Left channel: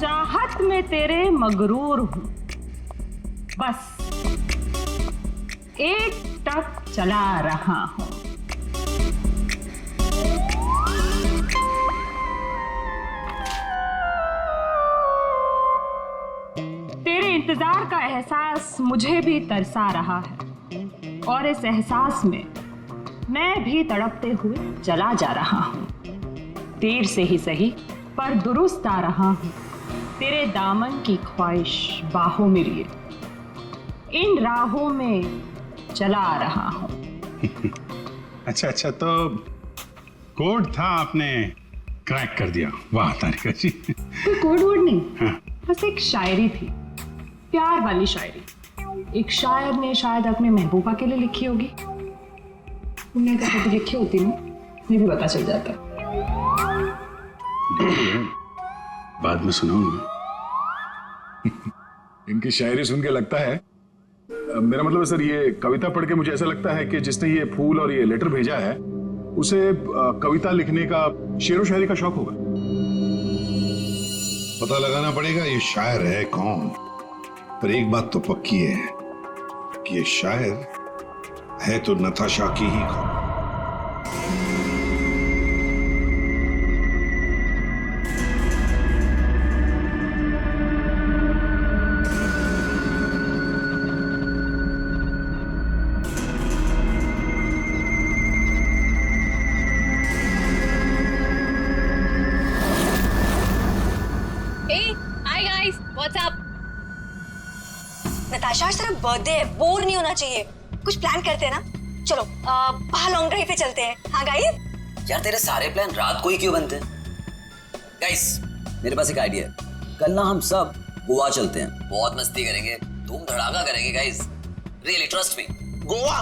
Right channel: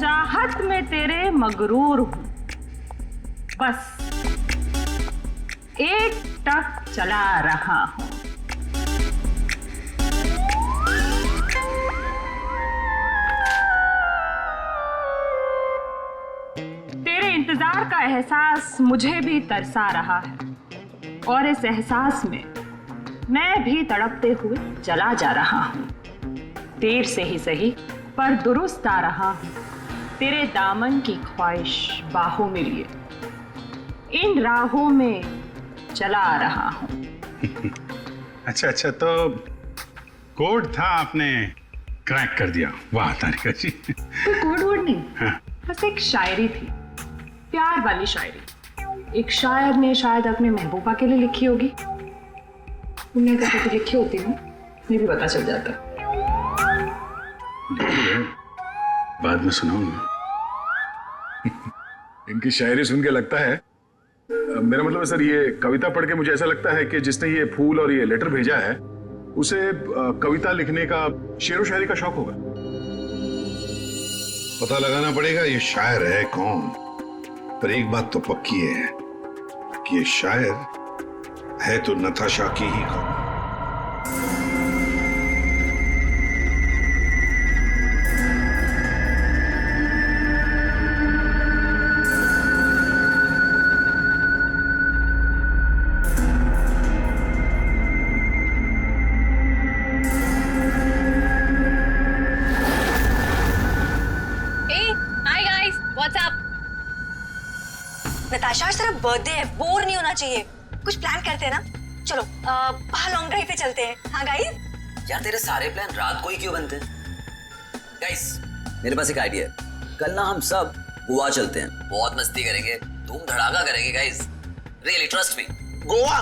चाहत में तेरे मगरूर हूं, बस एक टक चला रहा हूं। तेरे इंतजार का एहसास मुझे भी तरसा रहा है और इस एहसास में मैं भी तड़पते हुए चला जा रहा हूं। देर से ही सही पर दुरुस्त आ रहा हूं, तेरे दामन की ख्वाहिश बाहों में लिए इन राहों में चला आ रहा हूं। अच्छा, तो कोड था, आपने क्रैक कर दिया। वाह तारिका जी। कोई कोड वर्ड नहीं, हाँ। बस एक शायरी थी, प्यार वाली शायरी। एक शायर ने शायद अपने महबूबा के लिए लिखी होगी। तुमने अगर कभी लिखी होती ना, मुझे भी पता चल जाता। बाद में सुनाऊंगा। इनकी शायरी सुन के लगता है, मेरा मतलब है सर, ये कविता पढ़ के मुझे ऐसा लगता है कि जिसने ये फूल और ये लेटर भेजा है उसे कविता लिखने का, शेरो शायरी का शौक होगा। पता लगाना पड़ेगा ये शायर है कौन, पर एक बात तो पक्की है कि ये शायर है तो नताशा की ही कौन। नताशा, आज तेरा बर्थडे है, बोर नहीं होना चाहिए। कुछ प्लान करते हैं ना, चलो बाहर लॉन्ग ड्राइव पे चलते हैं। हाँ गाइस? यार तेरे सारे प्लान रात को ही क्यों बनते हैं? गाइस मेरे पास एक आइडिया है, कल ना हम सब गोवा चलते हैं, बहुत मस्ती करेंगे, धूम धड़ाका करेंगे guys, really trust me. Goa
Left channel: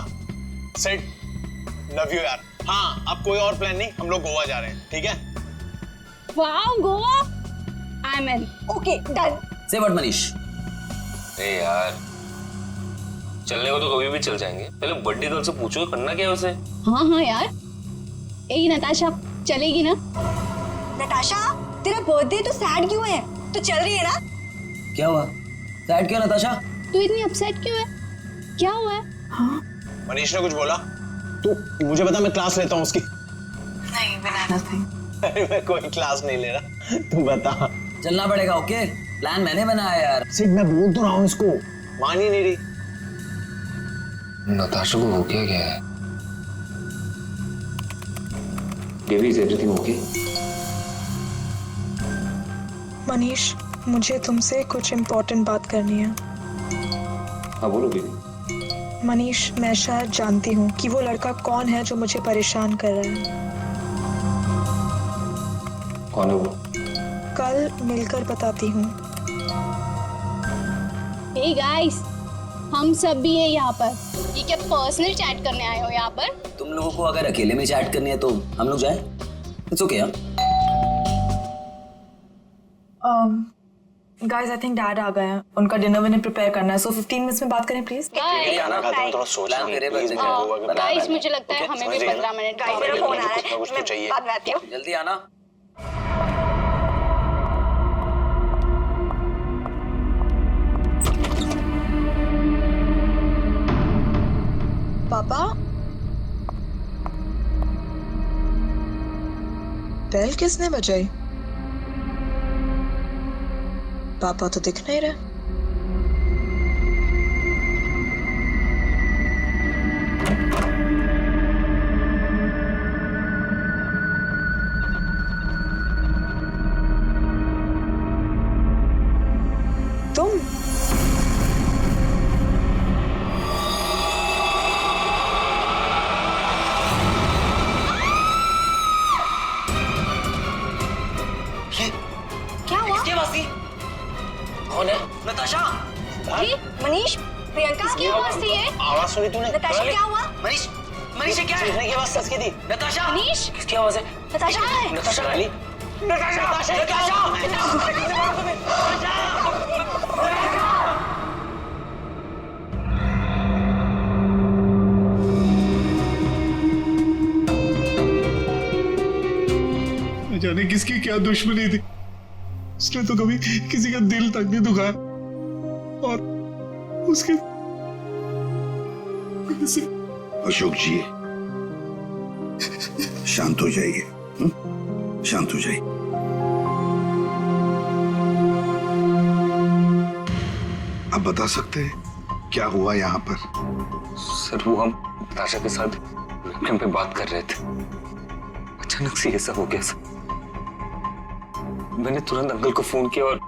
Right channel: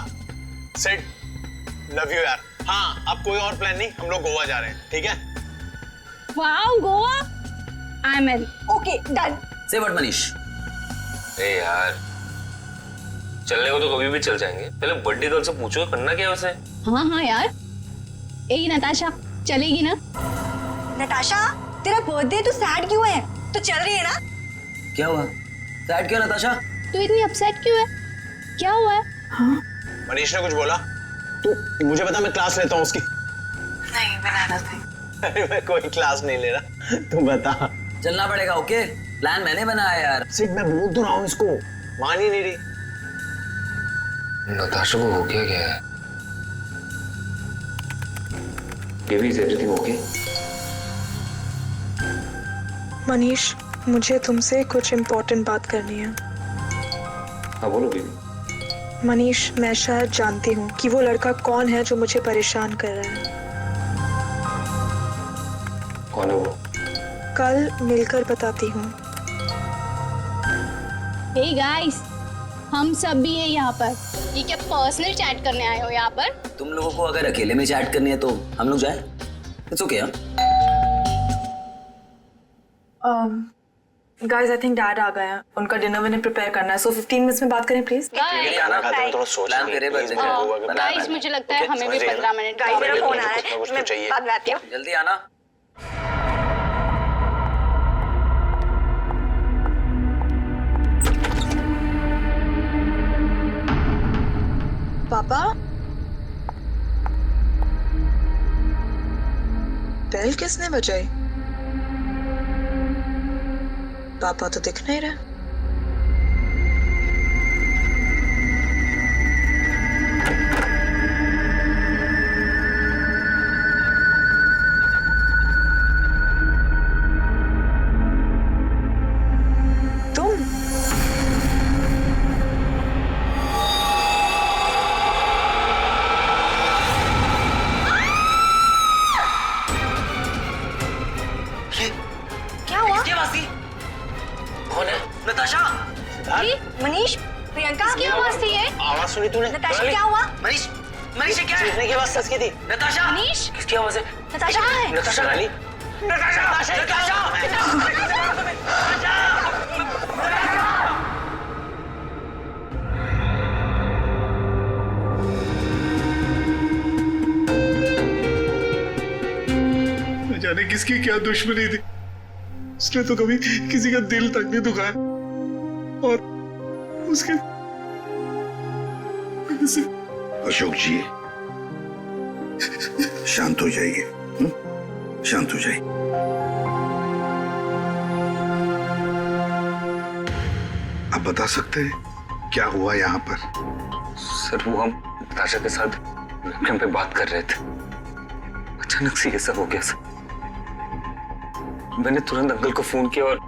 set, love you यार। हाँ अब कोई और प्लान नहीं, हम लोग गोवा जा रहे हैं, ठीक है? Wow, Goa, I am in. Okay done. से व्हाट मनीष? ए यार चलने को तो कभी भी चल जाएंगे, पहले बर्थडे गर्ल से पूछो करना क्या है उसे। हाँ यार, यही नताशा चलेगी ना? नताशा तेरा बर्थडे तो सैड क्यों है? तो चल रही है ना? क्या हुआ? सैड क्यों नताशा? तू इतनी अपसेट क्यों है? क्या हुआ है? हाँ? मनीष ने कुछ बोला? तू मुझे बता, मैं क्लास लेता हूँ उसकी। नहीं बनाना। अरे मैं कोई क्लास नहीं ले रहा, तू बता। चलना पड़ेगा। ओके प्लान मैंने बनाया यार। सिर्फ मैं बोल तो रहा हूँ इसको, मान ही नहीं रही। नताशा को हो क्या है? Baby is everything okay? Manish, मुझे तुमसे कुछ इम्पोर्टेंट बात करनी है। हाँ बोलो बेबी। मनीष, मैं शायद जानती हूँ कि वो लड़का कौन है जो मुझे परेशान कर रहा है। कौन है वो? कल मिलकर बताती हूँ। हे गाइस, हम सब भी हैं यहाँ पर। ये क्या पर्सनल चैट करने आए हो यहाँ पर? तुम लोगों को अगर अकेले में चैट करनी है तो हम लोग जाएं? It's okay. Guys, I think dad आ गए हैं, उनका डिनर विनर प्रिपेयर करना है, सो 15 मिनट्स में बात करें प्लीज। गाइस मुझे लगता है हमें भी 15 मिनट। गाइस मेरा फोन आ रहा है, मैं बाद में आती हूँ। जल्दी आना। पापा, बेल किसने बजाई? पापा तो दिख नहीं रहे। तुम? क्या हुआ? किसकी आवाज थी? कौन है? नताशा? मनीष, प्रियंका किसकी आवाज थी ये? आवाज सुनी तूने? नताशा क्या हुआ? मनीष, मनीष ये क्या है? की आवाज सच की थी। नताशा? मनीष? किसकी आवाज है? नताशा कहाँ है? नताशा रानी? न जाने किसकी क्या दुश्मनी थी, उसने तो कभी किसी का दिल तक नहीं दुखाया और उसके अशोक जी शांत हो जाइए, शांत हो जाइए। आप बता सकते हैं क्या हुआ यहाँ पर? सर वो हम नताशा के साथ वेबकैम पे बात कर रहे थे, अचानक से ये सब हो गया सर। मैंने तुरंत अंकल को फोन किया और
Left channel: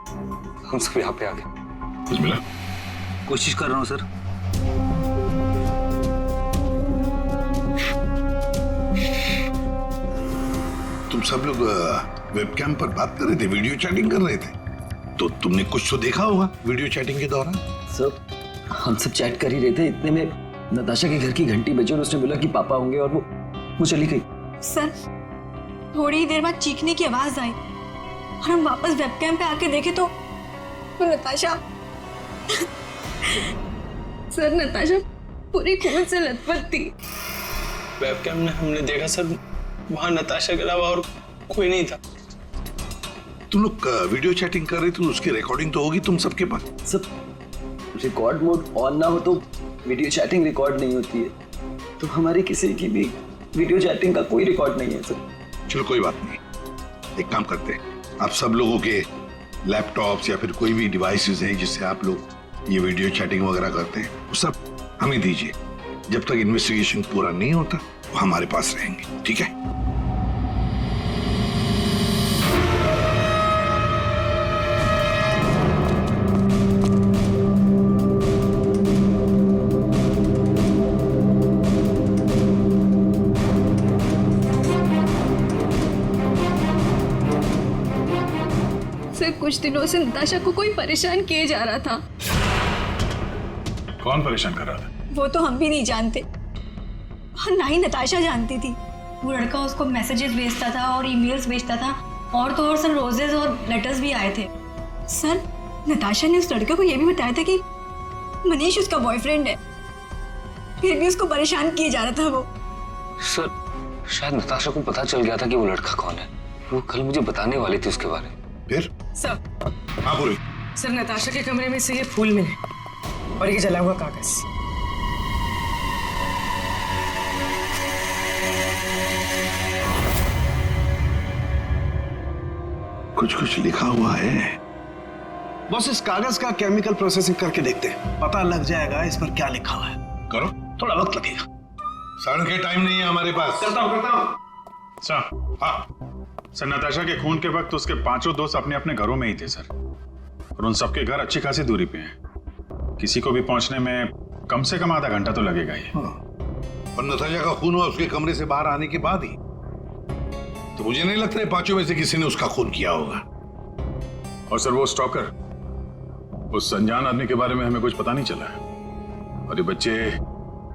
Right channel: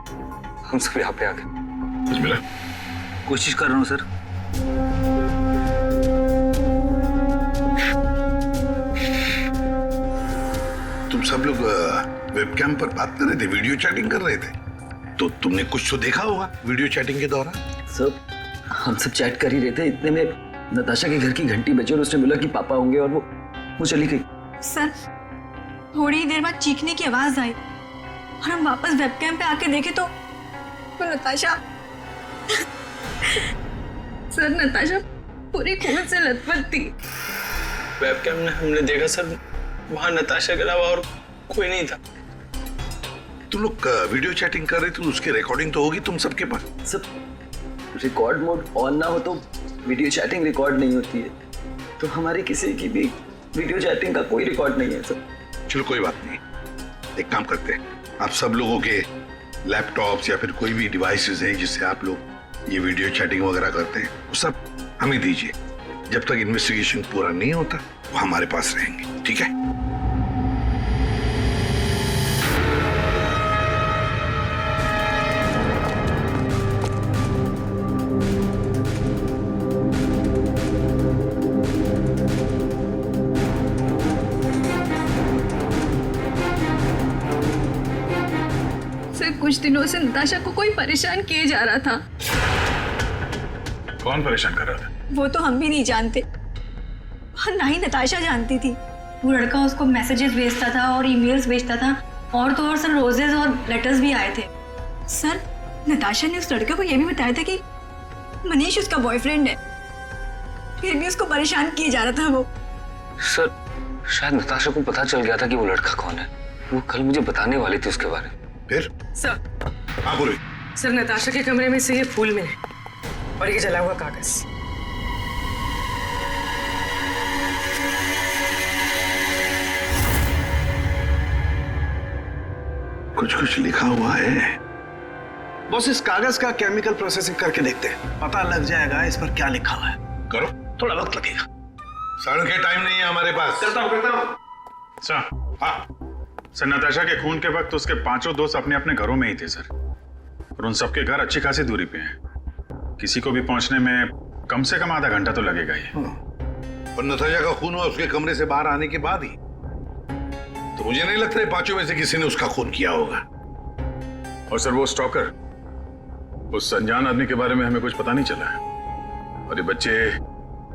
हम सब यहाँ पे आ गए। कुछ मिला? कोशिश कर रहा हूँ सर। तुम सब लोग वेबकैम पर बात कर रहे थे, वीडियो चैटिंग कर रहे थे, तो तुमने कुछ तो देखा होगा वीडियो चैटिंग के दौरान। सर हम सब चैट कर ही रहे थे, इतने में नताशा के घर की घंटी बजी और उसने बोला कि पापा होंगे और वो चली गई। सर थोड़ी ही देर बाद चीखने की आवाज आई और हम वापस वेबकैम पे आके देखे तो नताशा सर नताशा पूरी खून से लथपथ थी। वेबकैम में हमने देखा सर, वहां नताशा के अलावा और कोई नहीं था। तुम लोग वीडियो चैटिंग कर रहे थे, उसकी रिकॉर्डिंग तो होगी तुम सबके पास। सब रिकॉर्ड मोड ऑन ना हो तो वीडियो चैटिंग रिकॉर्ड नहीं होती है, तो हमारी किसी की भी वीडियो चैटिंग का कोई रिकॉर्ड नहीं है सर। चलो कोई बात नहीं, एक काम करते हैं, आप सब लोगों के लैपटॉप्स या फिर कोई भी डिवाइसेस हैं जिससे आप लोग ये वीडियो चैटिंग वगैरह करते हैं, वो सब हमें दीजिए। जब तक इन्वेस्टिगेशन पूरा नहीं होता वो हमारे पास रहेंगे, ठीक है? सर कुछ दिनों से नताशा को कोई परेशान किए जा रहा था। कौन परेशान कर रहा था? वो तो हम भी नहीं जानते और ना ही नताशा जानती थी। वो लड़का उसको मैसेजेस भेजता था और ईमेल्स भेजता था, और तो और सर रोजेस और लेटर्स भी आए थे। सर नताशा ने उस लड़के को यह भी बताया था कि मनीष उसका बॉयफ्रेंड है, फिर भी उसको परेशान किए जा रहा था वो। सर शायद नताशा को पता चल गया था कि वो लड़का कौन है, वो कल मुझे बताने वाली थी उसके बारे में। फिर सर, हाँ बोलो। सर नताशा के कमरे में से ये फूल मिले और ये जला हुआ कागज। कुछ लिखा हुआ है। बॉस इस कागज का केमिकल प्रोसेसिंग करके देखते हैं, पता लग जाएगा इस पर क्या लिखा हुआ है। करो, थोड़ा वक्त लगेगा। सड़न के टाइम नहीं है हमारे पास। करता हूँ। सर हाँ सर, नताशा के खून के वक्त उसके पांचों दोस्त अपने अपने घरों में ही थे सर, और उन सबके घर अच्छी खासी दूरी पे हैं। किसी को भी पहुंचने में कम से कम आधा घंटा तो लगेगा ही। और नताशा का खून हुआ उसके कमरे से बाहर आने के बाद ही, तो मुझे नहीं लगता है पांचों में से किसी ने उसका खून किया होगा। और सर वो स्टॉकर, उस अनजान आदमी के बारे में हमें कुछ पता नहीं चला है, और ये बच्चे,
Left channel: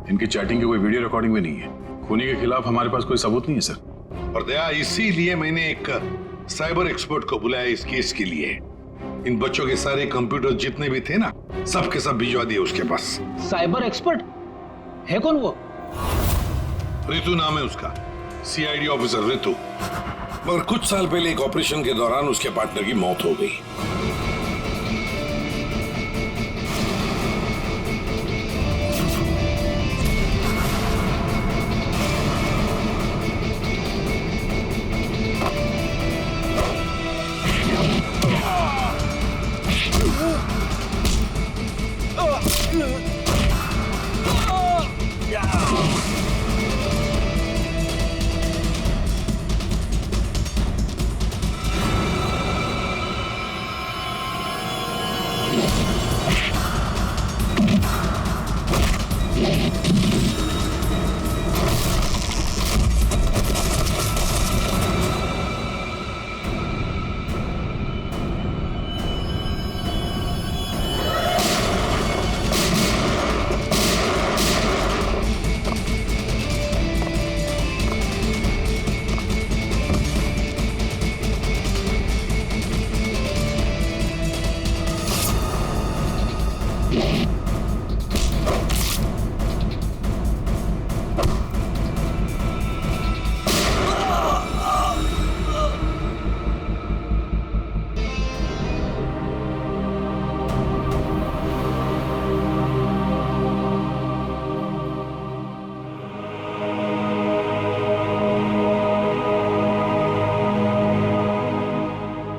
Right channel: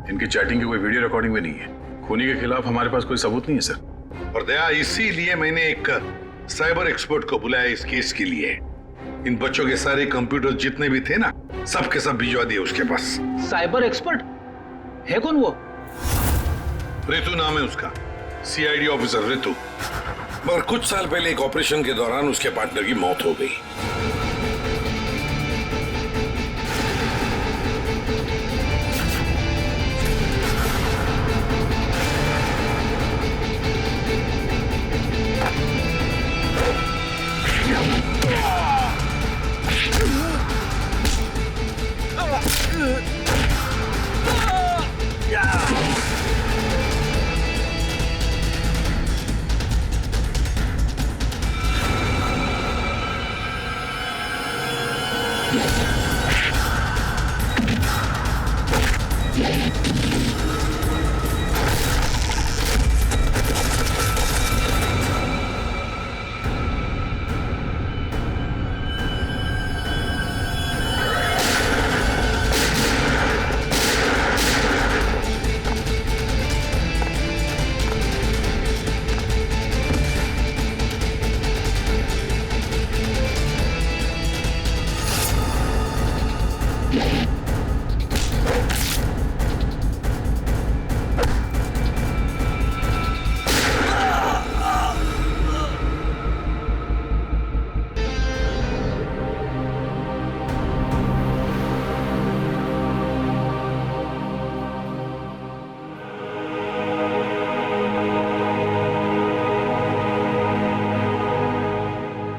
इनकी चैटिंग की कोई वीडियो रिकॉर्डिंग भी नहीं है। खूनी के खिलाफ हमारे पास कोई सबूत नहीं है सर। और दया, इसीलिए मैंने एक साइबर एक्सपर्ट को बुलाया इस केस के लिए। इन बच्चों के सारे कंप्यूटर जितने भी थे ना, सब के सब भिजवा दिए उसके पास। साइबर एक्सपर्ट है कौन वो? ऋतु नाम है उसका, सीआईडी ऑफिसर ऋतु। मगर कुछ साल पहले एक ऑपरेशन के दौरान उसके पार्टनर की मौत हो गई।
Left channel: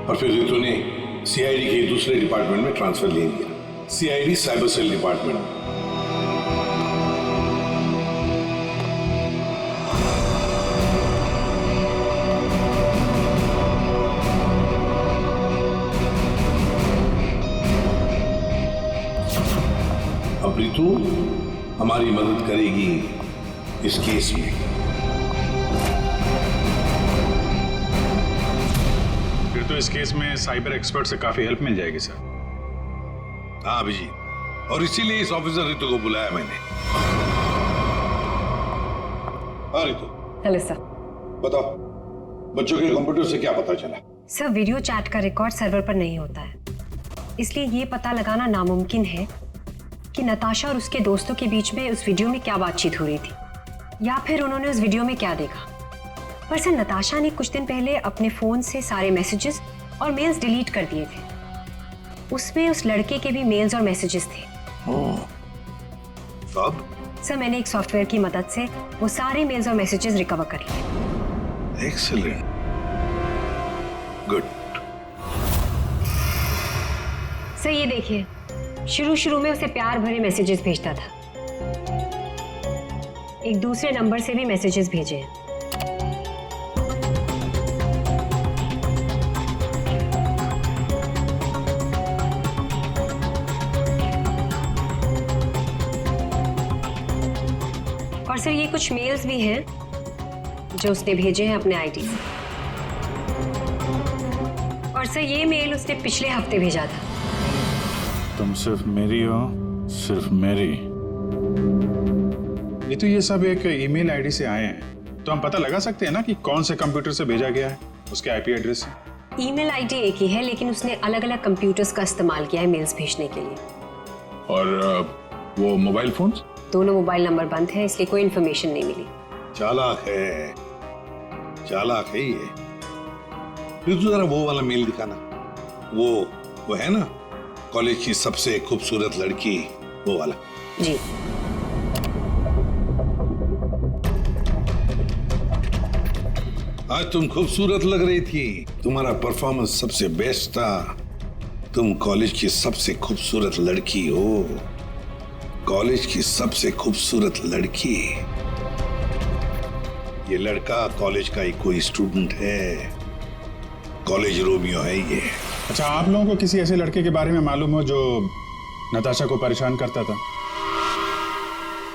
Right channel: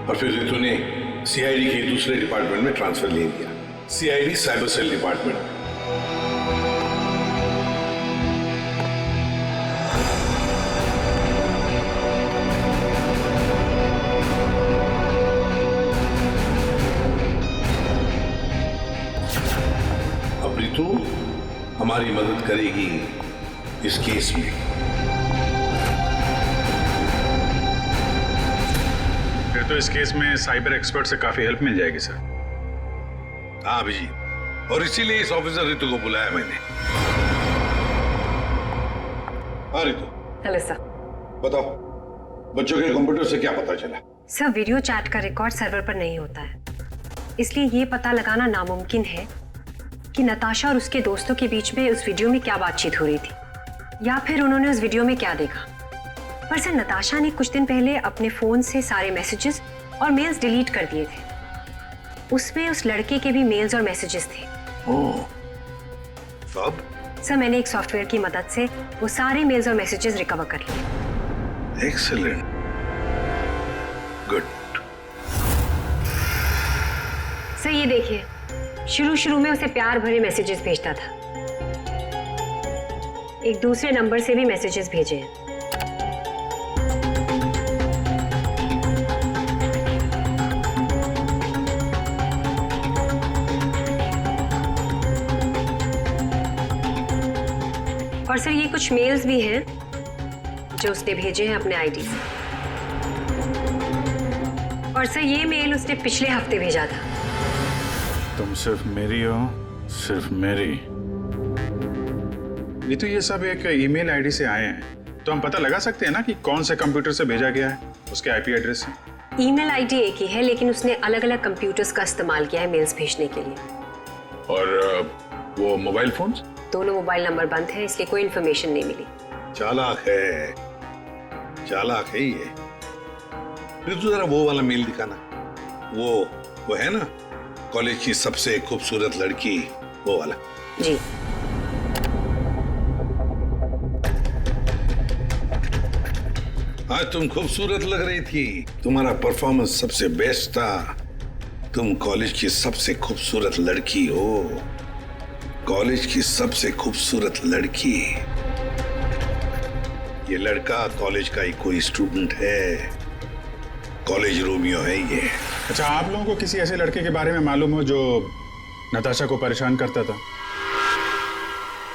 और फिर रितु ने सीआईडी के दूसरे डिपार्टमेंट में ट्रांसफर ले लिया, सीआईडी साइबर सेल डिपार्टमेंट में। अब रितु हमारी मदद करेगी इस केस में। फिर तो इस केस में साइबर एक्सपर्ट से काफी हेल्प मिल जाएगी सर। हाँ अभिजीत, और इसीलिए इस ऑफिसर रितु को बुलाया मैंने। हाँ रितु। Hello sir. बताओ बच्चों के कंप्यूटर से क्या पता चला? सर वीडियो चैट का रिकॉर्ड सर्वर पर नहीं होता है, इसलिए ये पता लगाना नामुमकिन है कि नताशा और उसके दोस्तों के बीच में उस वीडियो में क्या बातचीत हो रही थी या फिर उन्होंने उस वीडियो में क्या देखा। पर सर नताशा ने कुछ दिन पहले अपने फोन से सारे मैसेजेस और मेल्स डिलीट कर दिए थे। उसमें उस लड़के के भी मेल्स और मैसेजेस थे। अब? सर मैंने एक सॉफ्टवेयर की मदद से वो सारे मेल्स और मैसेजेस रिकवर कर लिए। Excellent, good. सर ये देखिए, शुरू में उसे प्यार भरे मैसेजेस भेजता था, एक दूसरे नंबर से भी मैसेजेस भेजे हैं। और सर ये कुछ मेल्स भी हैं जो उसने भेजे हैं अपने आईडी से। और सर ये मेल उसने पिछले हफ्ते भेजा था। तुम सिर्फ मेरी हो, सिर्फ मेरी। ये तो ये सब एक ईमेल आईडी से आए हैं, तो हम पता लगा सकते हैं ना कि कौन से कंप्यूटर से भेजा गया है, उसके आईपी एड्रेस से। ईमेल आईडी एक ही है, लेकिन उसने अलग अलग कंप्यूटर्स का इस्तेमाल किया है मेल्स भेजने के लिए। और वो मोबाइल फोन्स? दोनों मोबाइल नंबर बंद है, इसलिए कोई इन्फॉर्मेशन नहीं मिली। चालाक है, चालाक है ये। रितु जरा वो वाला मेल दिखाना। वो है ना, कॉलेज की सबसे खूबसूरत लड़की, वो वाला। जी। आज तुम खूबसूरत लग रही थी, तुम्हारा परफॉर्मेंस सबसे बेस्ट था। तुम कॉलेज की सबसे खूबसूरत लड़की हो, कॉलेज की सबसे खूबसूरत लड़की। ये लड़का कॉलेज का ही कोई स्टूडेंट है, कॉलेज रोमियो है ये। अच्छा, आप लोगों को किसी ऐसे लड़के के बारे में मालूम हो जो नताशा को परेशान करता था,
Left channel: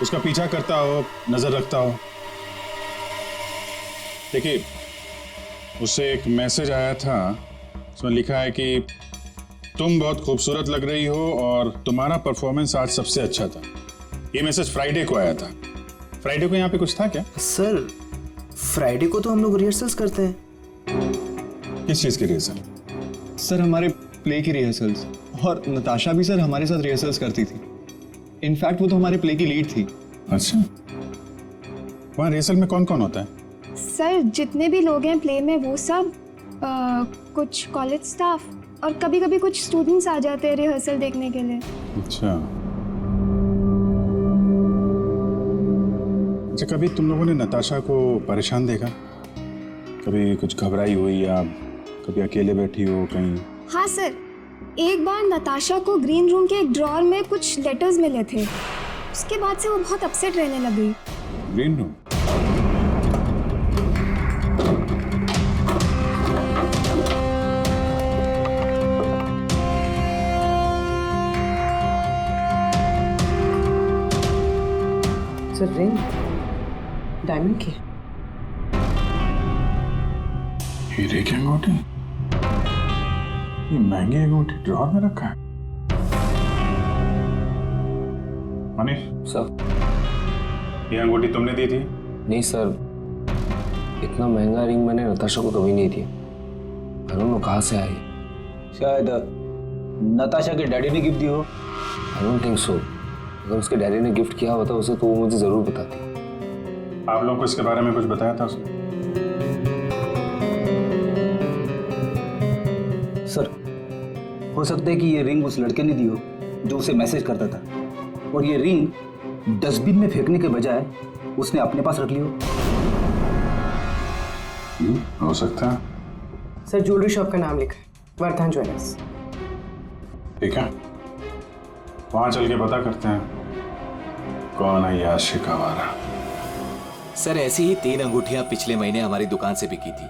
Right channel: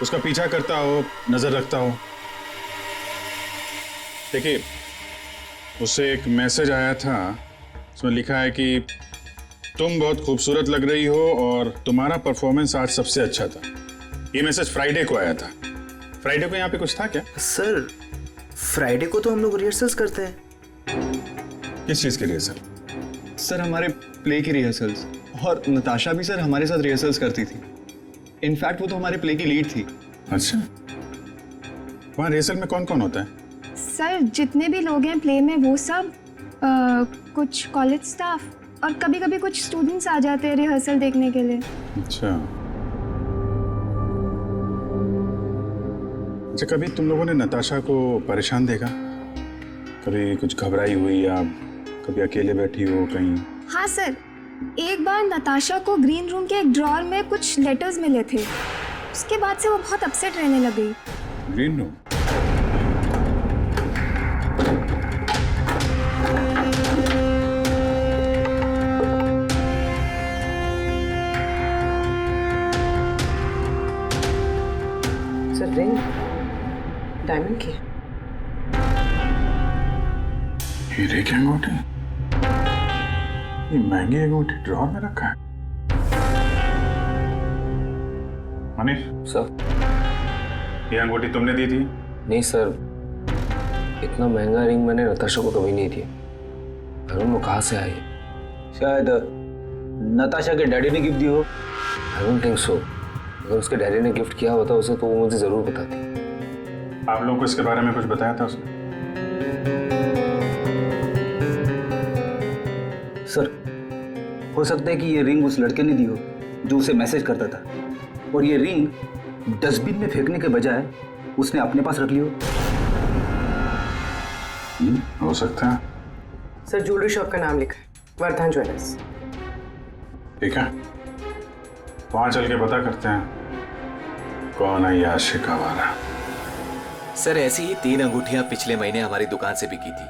उसका पीछा करता हो, नजर रखता हो? देखिए, उससे एक मैसेज आया था, उसमें लिखा है कि तुम बहुत खूबसूरत लग रही हो और तुम्हारा परफॉर्मेंस आज सबसे अच्छा था। ये मैसेज फ्राइडे को आया था। फ्राइडे को यहाँ पे कुछ था क्या? सर फ्राइडे को तो हम लोग रिहर्सल्स करते हैं। किस चीज की रिहर्सल? सर हमारे प्ले की रिहर्सल्स, और नताशा भी सर हमारे साथ रिहर्सल्स करती थी। इनफैक्ट वो तो हमारे प्ले की लीड थी। अच्छा, वहाँ रिहर्सल में कौन कौन होता है? सर जितने भी लोग हैं प्ले में वो सब, कुछ कॉलेज स्टाफ और कभी कभी कुछ स्टूडेंट्स आ जाते हैं रिहर्सल देखने के लिए। अच्छा, कभी तुम लोगों ने नताशा को परेशान देखा? कभी कुछ घबराई हुई या कभी अकेले बैठी हो कहीं? हाँ सर, एक बार नताशा को ग्रीन रूम के एक ड्रॉअर में कुछ लेटर्स मिले थे, उसके बाद से वो बहुत अपसेट रहने लग गई। Green room? Sir ring diamond की। हीरे की अंगूठी? ये महंगी अंगूठी ड्रॉअर में रखा है? मनीष सर, ये अंगूठी तुमने दी थी? नहीं सर, इतना महंगा रिंग मैंने नताशा को कभी नहीं दिया। आई डोंट नो कहाँ से आई। शायद नताशा के डैडी ने गिफ्ट दी हो। I don't think so. अगर उसके डैडी ने गिफ्ट किया होता उसे तो वो मुझे जरूर बताती। आप लोगों को इसके बारे में कुछ बताया था उसने? सर हो सकता है कि ये रिंग उस लड़के ने दी हो जो उसे मैसेज करता था, और ये रिंग डस्टबिन में फेंकने के बजाय उसने अपने पास रख ली हो। हो सकता है। सर ज्वेलरी शॉप का नाम लिखा है। वर्धन ज्वेलर्स। ठीक है, वहां चल के पता करते हैं कौन है ये आशिक आवारा। सर ऐसी ही 3 अंगूठियां पिछले महीने हमारी दुकान से बिकी थी।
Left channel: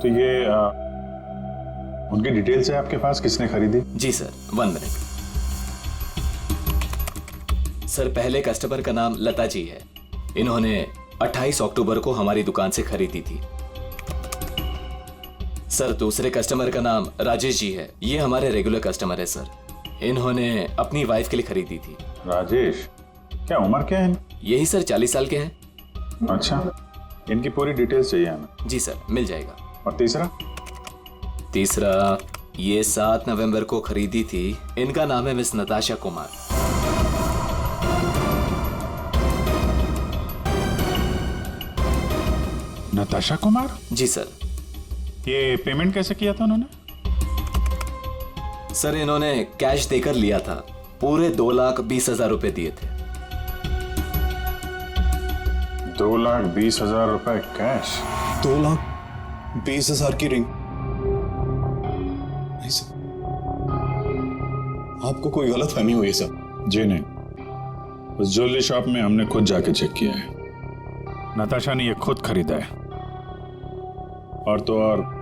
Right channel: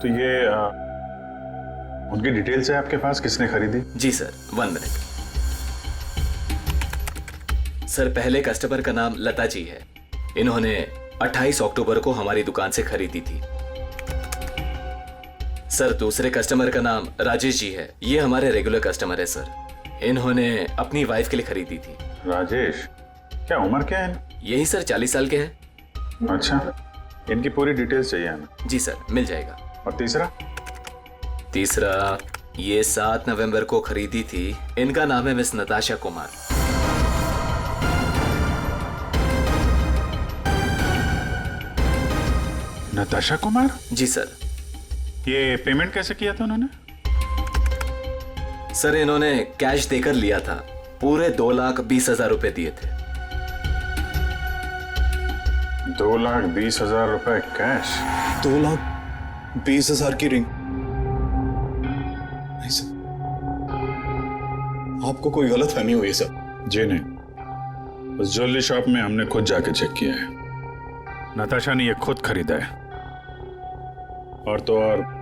तो ये उनकी डिटेल्स है आपके पास, किसने खरीदी? जी सर, 1 मिनट। सर पहले कस्टमर का नाम लता जी है। इन्होंने 28 अक्टूबर को हमारी दुकान से खरीदी थी। सर दूसरे कस्टमर का नाम राजेश जी है। ये हमारे रेगुलर कस्टमर है सर। इन्होंने अपनी वाइफ के लिए खरीदी थी। राजेश, क्या उम्र क्या है? यही सर 40 साल के हैं। अच्छा, इनकी पूरी डिटेल्स चाहिए हमें। जी सर, मिल जाएगा। और तीसरा? तीसरा ये 7 नवंबर को खरीदी थी। इनका नाम है मिस नताशा कुमार। नताशा कुमार? जी सर। ये पेमेंट कैसे किया था उन्होंने? सर इन्होंने कैश देकर लिया था। पूरे 2,20,000 रुपए दिए थे। 2,20,000 रुपए कैश? 2,20,000 की रिंग? नहीं सर, आपको कोई गलत फहमी हुई है सर। जी नहीं, उस ज्वेलरी शॉप में हमने खुद जाके चेक किया है। नताशा ने ये खुद खरीदा है, और तो और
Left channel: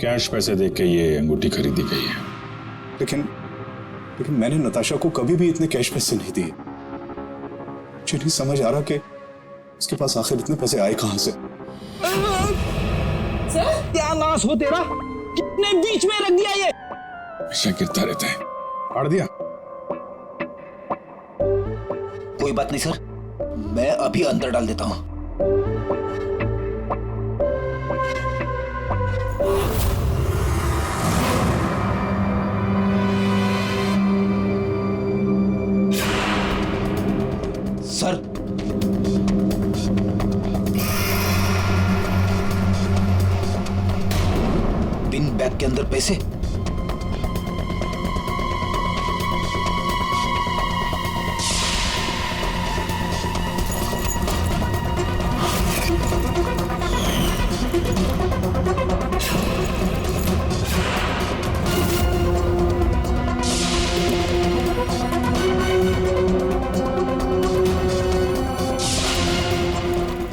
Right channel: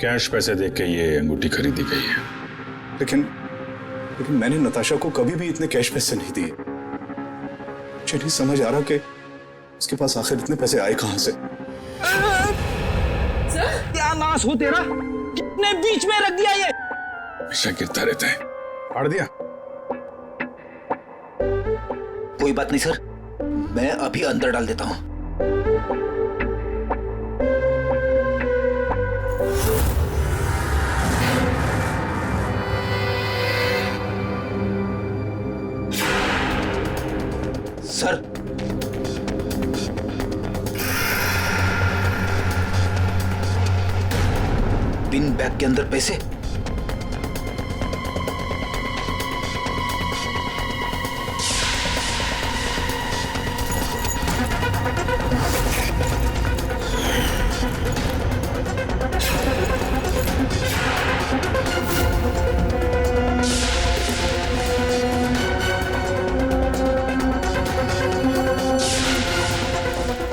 कैश पैसे देके ये अंगूठी खरीदी गई है। लेकिन मैंने नताशा को कभी भी इतने कैश पैसे नहीं दिए। मुझे नहीं समझ आ रहा कि उसके पास आखिर इतने पैसे आए कहां से। क्या नाश हो तेरा, कितने बीच में रख दिया ये। हमेशा गिरता रहता है। फाड़ दिया? कोई बात नहीं सर, मैं अभी अंदर डाल देता हूं। सर पिन बैग के अंदर पैसे।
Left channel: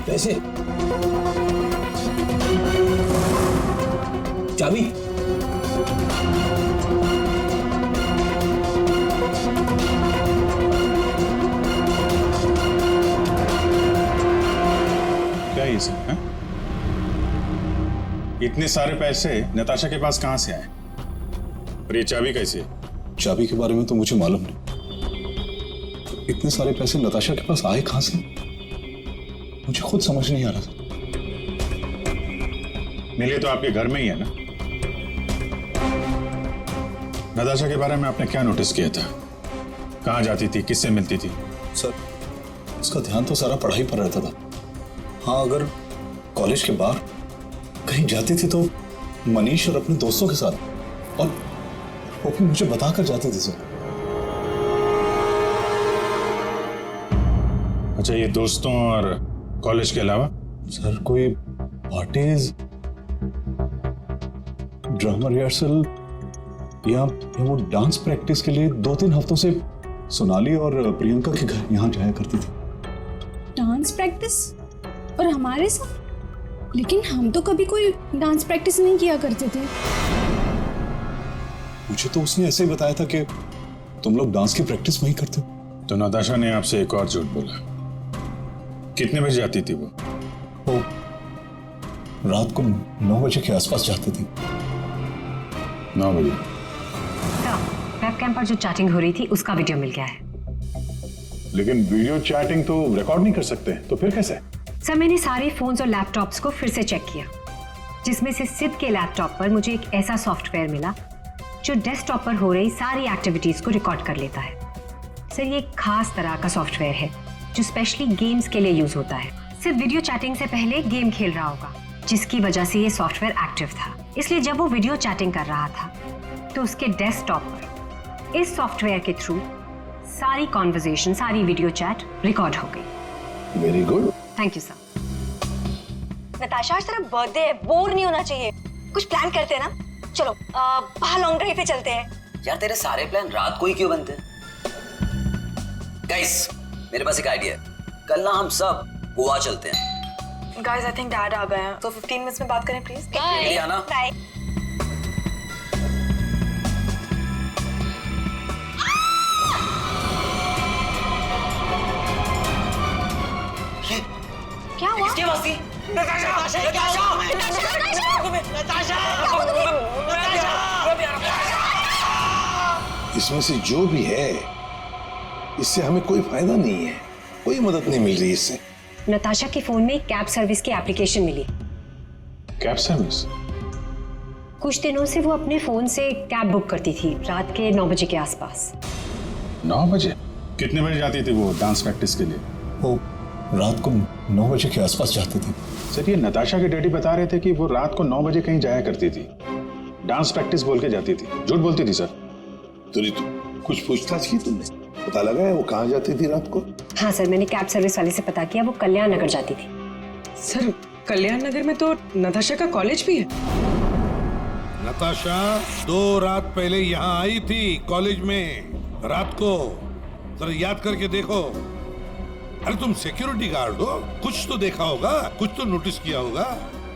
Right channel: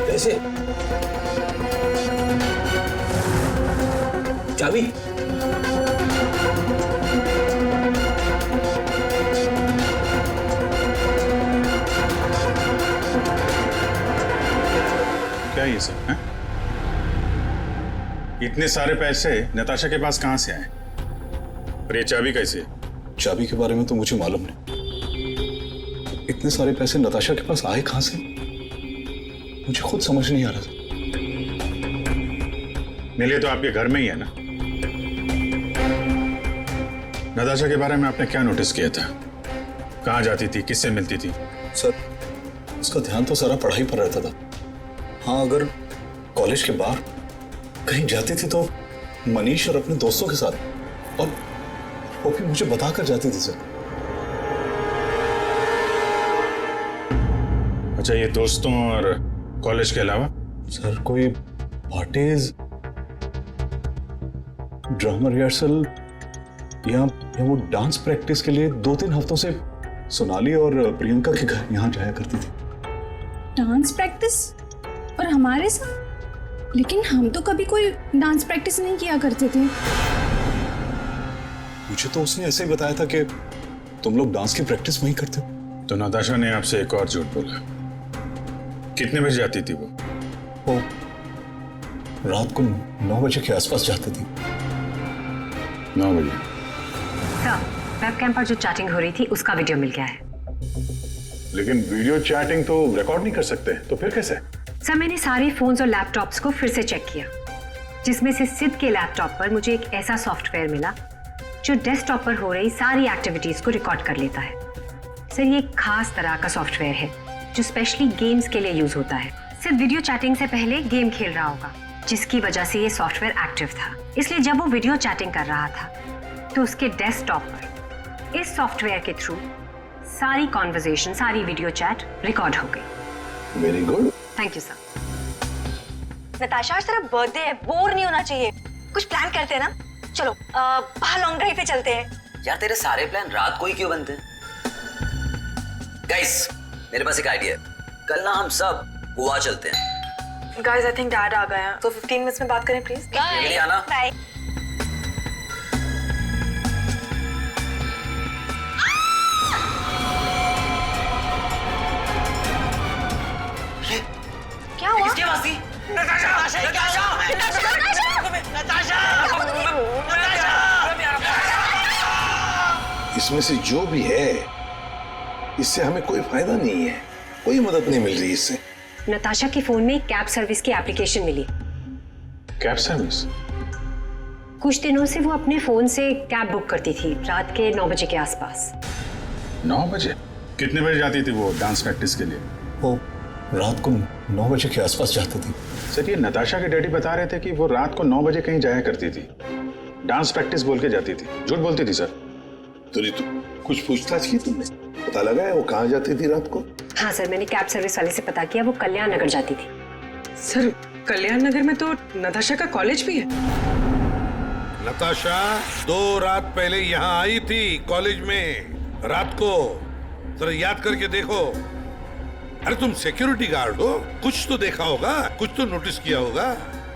पैसे? चाबी? क्या ये सब है? इतने सारे पैसे नताशा के पास कहां से आए? और ये चाबी कैसे? चाबी के बारे में तो मुझे मालूम नहीं। इतने सारे पैसे नताशा के पास आए कहां से, मुझे खुद समझ नहीं आ रहा था। मिले तो आपके घर में ही है ना? नताशा के बारे में आपने क्या नोटिस किया था? कहां जाती थी, किससे मिलती थी? सर उसका ध्यान तो सारा पढ़ाई पर रहता था। हाँ, अगर कॉलेज के बाहर कहीं जाती थी तो मनीष और अपने दोस्तों के साथ, और वो भी मुझे बताकर जाती थी सर। अच्छा, ये दोस्तों और कॉलेज के अलावा? सर कोई पार्टीज, ड्रामा रिहर्सल या वो डांस प्रैक्टिस के लिए 2-3 हफ्तों से सोनाली और प्रियंका के घर यहाँ जाया करती थी। Dance practice? और हमारे साथ? लेकिन हम तो कभी कोई डांस प्रैक्टिस नहीं किया करते थे। मुझे तो उसने ऐसे ही बताया था कि तुम लोग डांस की प्रैक्टिस वहीं करते हो। तो नताशा ने आपसे एक और झूठ बोला। कितने बजे जाती थी वो? रात को 9 बजे के आसपास जाती थी। 9 बजे? सर, वेबकैम पर जो चैटिंग हो रही थी उसका वीडियो मिल गया है। लेकिन वीडियो चैटिंग तो रिकॉर्ड नहीं कर सकते, तो फिर कैसे? सर मैंने सारे फोन्स और लैपटॉप्स को फिर से चेक किया, जिसमें से सिद्ध के लैपटॉप पर मुझे एक ऐसा सॉफ्टवेयर मिला जो डेस्कटॉप पर हो रही सारी एक्टिविटीज को रिकॉर्ड कर लेता है। सर ये एक खास तरह का सॉफ्टवेयर है जो स्पेशली गेम्स के लिए यूज होता है। सिर्फ वीडियो चैटिंग से पहले गेम खेल रहा होगा, जिसकी वजह से ये सॉफ्टवेयर एक्टिव था। इसलिए जब वो वीडियो चैटिंग कर रहा था तो उसके डेस्कटॉप पर इस सॉफ्टवेयर के थ्रू सारी कॉन्वर्सेशन, सारी वीडियो चैट रिकॉर्ड हो गई। Very good. Thank you sir. Natasha आज तेरा बर्थडे है, बोर नहीं होना चाहिए। कुछ प्लान करते हैं ना। चलो बाहर लॉन्ग ड्राइव पे चलते हैं। यार तेरे सारे प्लान रात को ही क्यों बनते हैं? गाइस मेरे पास एक आइडिया है, कल ना हम सब गोवा चलते हैं। गाइस आई थिंक डैड आ गए हैं, तो 15 मिनट्स में बात करें प्लीज। बाय आना। बाय। क्या हुआ? किसकी आवाज थी? इसमें से जो भी है इससे हमें कोई फायदा नहीं है, कोई मदद नहीं मिल रही इससे। नताशा के फोन में कैब सर्विस की एप्लीकेशन मिली। Cab service? कुछ दिनों से वो अपने फोन से कैब बुक करती थी रात के 9 बजे के आसपास। 9 बजे? कितने बजे जाती थी वो डांस प्रैक्टिस के लिए? वो रात को 9 बजे के आसपास जाती थी। सर ये नताशा के डैडी बता रहे थे कि वो रात को 9 बजे कहीं जाया करती थी, डांस प्रैक्टिस बोल के जाती थी। झूठ बोलती थी सर? तो कुछ पूछताछ की तुमने? पता लगा है वो कहाँ जाती थी रात को? हाँ सर, मैंने कैब सर्विस वाले से पता किया, वो कल्याण नगर जाती थी। सर कल्याण नगर में तो नताशा का कॉलेज भी है। नताशा 2 रात पहले यहाँ आई थी कॉलेज में रात को, जरा याद करके देखो। अरे तुम सिक्योरिटी गार्ड हो, कुछ तो देखा होगा, कुछ तो नोटिस किया होगा।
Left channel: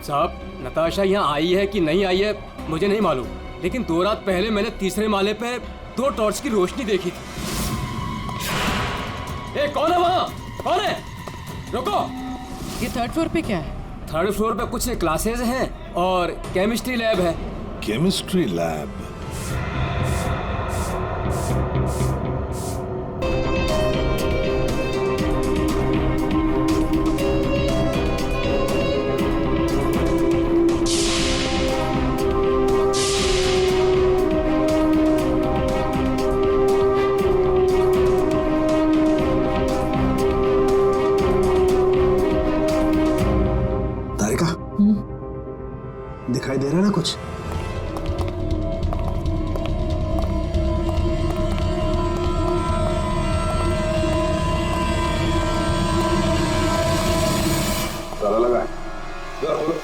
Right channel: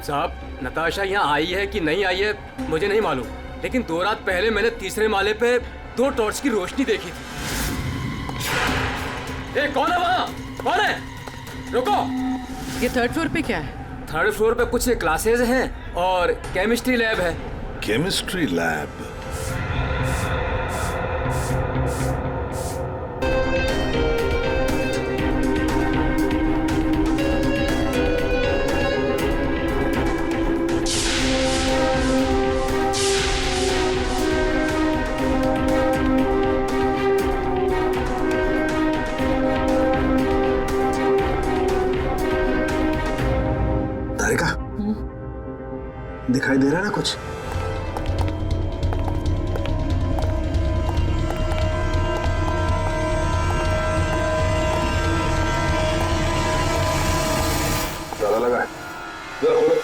साहब नताशा यहाँ आई है कि नहीं आई है मुझे नहीं मालूम, लेकिन 2 रात पहले मैंने तीसरे माले पे 2 टॉर्च की रोशनी देखी थी। ए, कौन है वहाँ? कौन है? रुको। ये 3rd फ्लोर पे क्या है? 3rd फ्लोर पे कुछ क्लासेज हैं और केमिस्ट्री लैब है। Chemistry lab? दिखाई दे रहा है ना कुछ? ताला लगा है, जरा खोलो।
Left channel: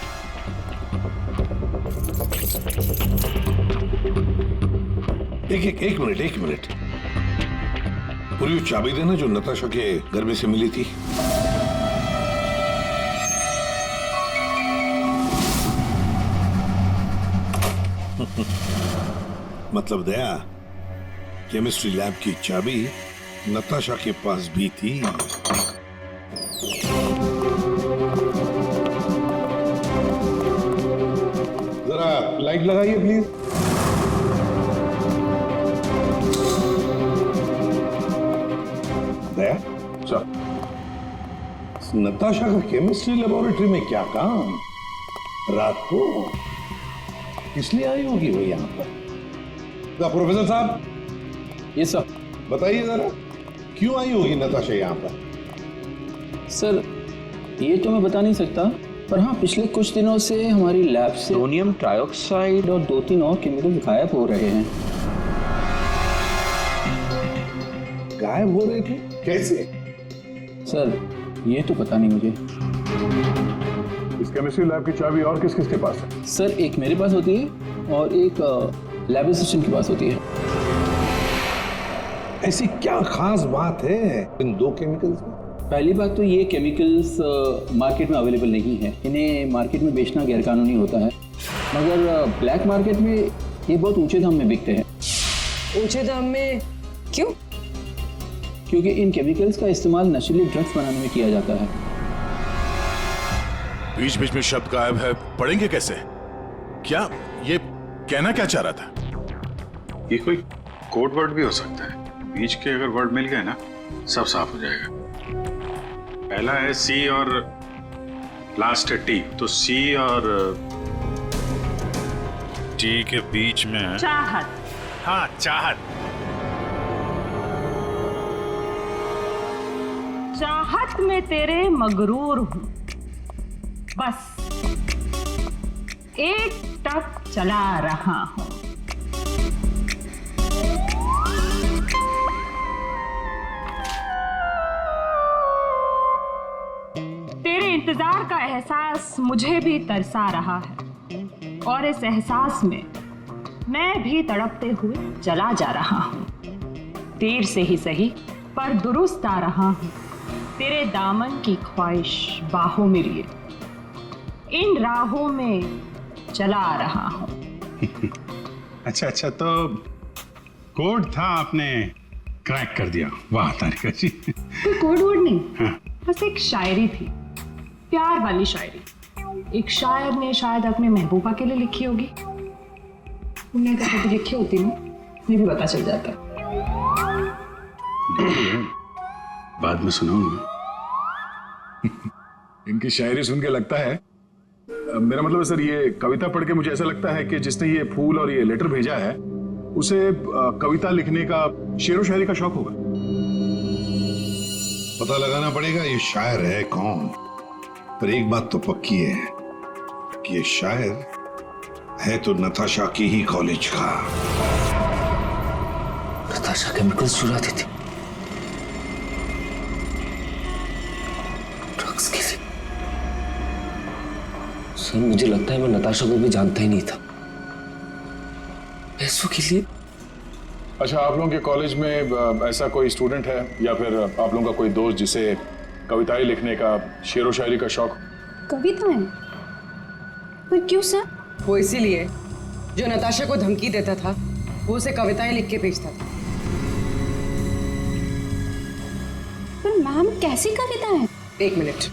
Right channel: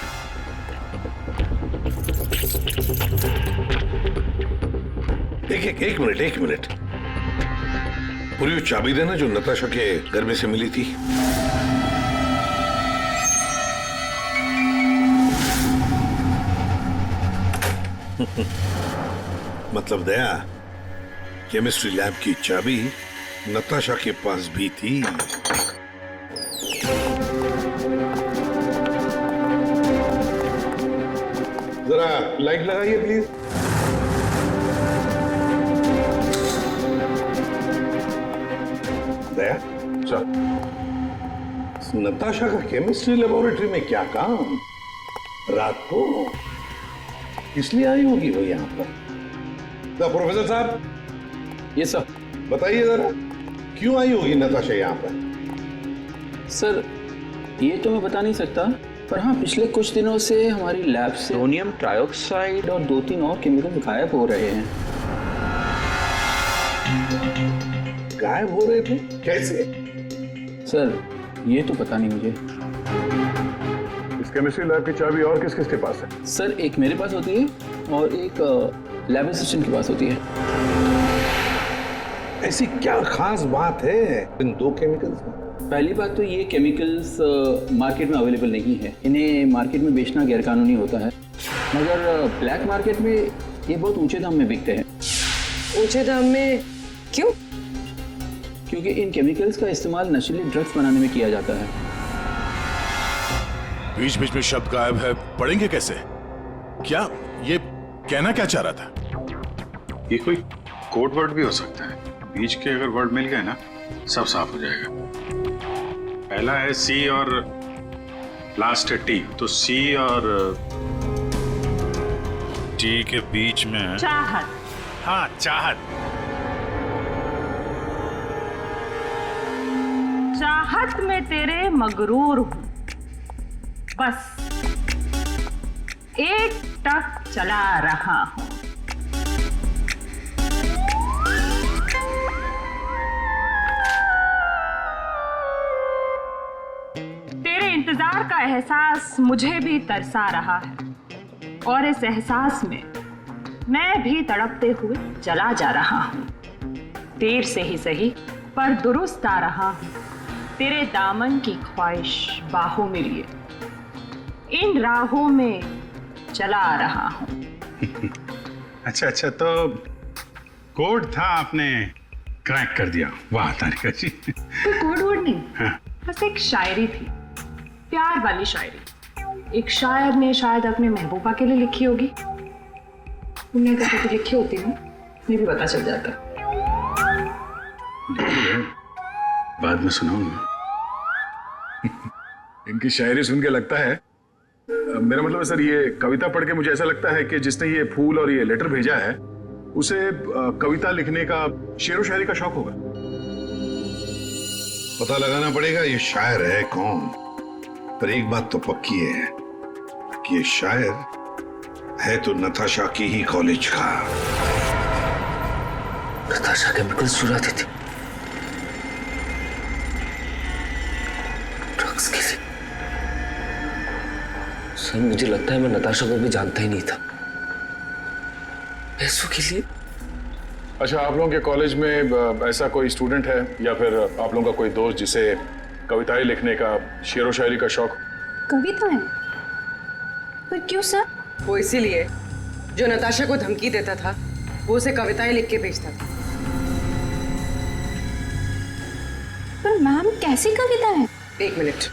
एक मिनट। पूरी वो चाबी देना जो नताशा के घर में से मिली थी। मतलब दया, केमिस्ट्री लैब की चाबी नताशा के पास भी थी। जरा लाइट लगाइए प्लीज। दया, चल। नताशा का केमिस्ट्री लेबोरेटरी में क्या काम? रात को इसलिए आई होगी वो यहाँ पर। प्रोफेसर साहब, ये सर बताइए जरा, क्यों आई होगी नताशा यहाँ पर? सर ये तो मैं बता नहीं सकता, पर हाँ पिछले कुछ दिनों से हमारी लैब से सोडियम ट्राइऑक्साइड और 2-3 और केमिकल्स गायब हो रहे हैं। गायब हो रहे थे? कैसे? सर ये तो पता नहीं मुझे। इस केमिस्ट्री लैब की चाबी और किस किस के पास है? सर एक मेरे पास होती है और एक लैब असिस्टेंट के पास होती है। ऐसी क्या खास बात है इन 2 केमिकल्स में? पहली बात तो ये केमिकल्स मार्केट में अवेलेबल नहीं है, इन्हें मार्केट में बेचना गैरकानूनी होता है, मगर ब्लैक मार्केट में ये बहुत ऊंचे दाम में बिकते हैं। ऊंचे दाम में क्यों? क्योंकि इन केमिकल्स का इस्तेमाल नशीली ड्रग्स बनाने में किया जाता है। बीच बीच में शब्द गायब है, पढ़ेंगे कैसे? क्या ये कहना क्या चाह रहा था? ये कोई कोड वर्ड भी हो सकता है, बीच के अगर वर्ड मिल गए ना सब साफ हो जाएगा। पहला है सी और लास्ट है टी, तो सी और टी के बीच में चाहत। हाँ चाहत। चाहत में तेरे मगरूर हूं, बस एक टक चला रहा हूं। तेरे इंतजार का एहसास मुझे भी तरसा रहा है, और इस एहसास में मैं भी तड़पते हुए चला जा रहा हूं। देर से ही सही पर दुरुस्त आ रहा हूं, तेरे दामन की ख्वाहिश बाहों में लिए इन राहों में चला आ रहा हूं। अच्छा, तो कोड था, आपने क्रैक कर दिया। वाह तारिका जी। कोई कोड वोड नहीं, हाँ। बस एक शायरी थी, प्यार वाली शायरी। एक शायर ने शायद अपने महबूबा के लिए लिखी होगी। तुमने तो कभी लिखी होती ना, मुझे भी पता चल जाता। बाद में सुनाऊंगा। इनकी शायरी सुन के लगता है, मेरा मतलब है सर, ये कविता पढ़ के मुझे ऐसा लगता है कि जिसने ये फूल और ये लेटर भेजा है उसे कविता लिखने का, शेरो शायरी का शौक होगा। पता लगाना पड़ेगा ये शायर है कौन। पर एक बात तो पक्की है कि ये शायर है तो नताशा की ही कॉलेज का। नताशा केमिकल्स चुराती थी, ड्रग्स के लिए। सर मुझे लगता है मैं नताशा को भी जानता ही नहीं था। पैसों के लिए। अच्छा, आप लोगों के कॉलेज में ऐसा कोई स्टूडेंट है या फिर आप लोगों का कोई दोस्त जिसे कविताएं लिखने का, शेरो शायरी का शौक? कविताएं? पर क्यों सर? वो इसीलिए जो नताशा को धमकी देता था वो उसे कविताएं लिख के भेजता था। पर मैम कैसी कविताएं? एक मिनट।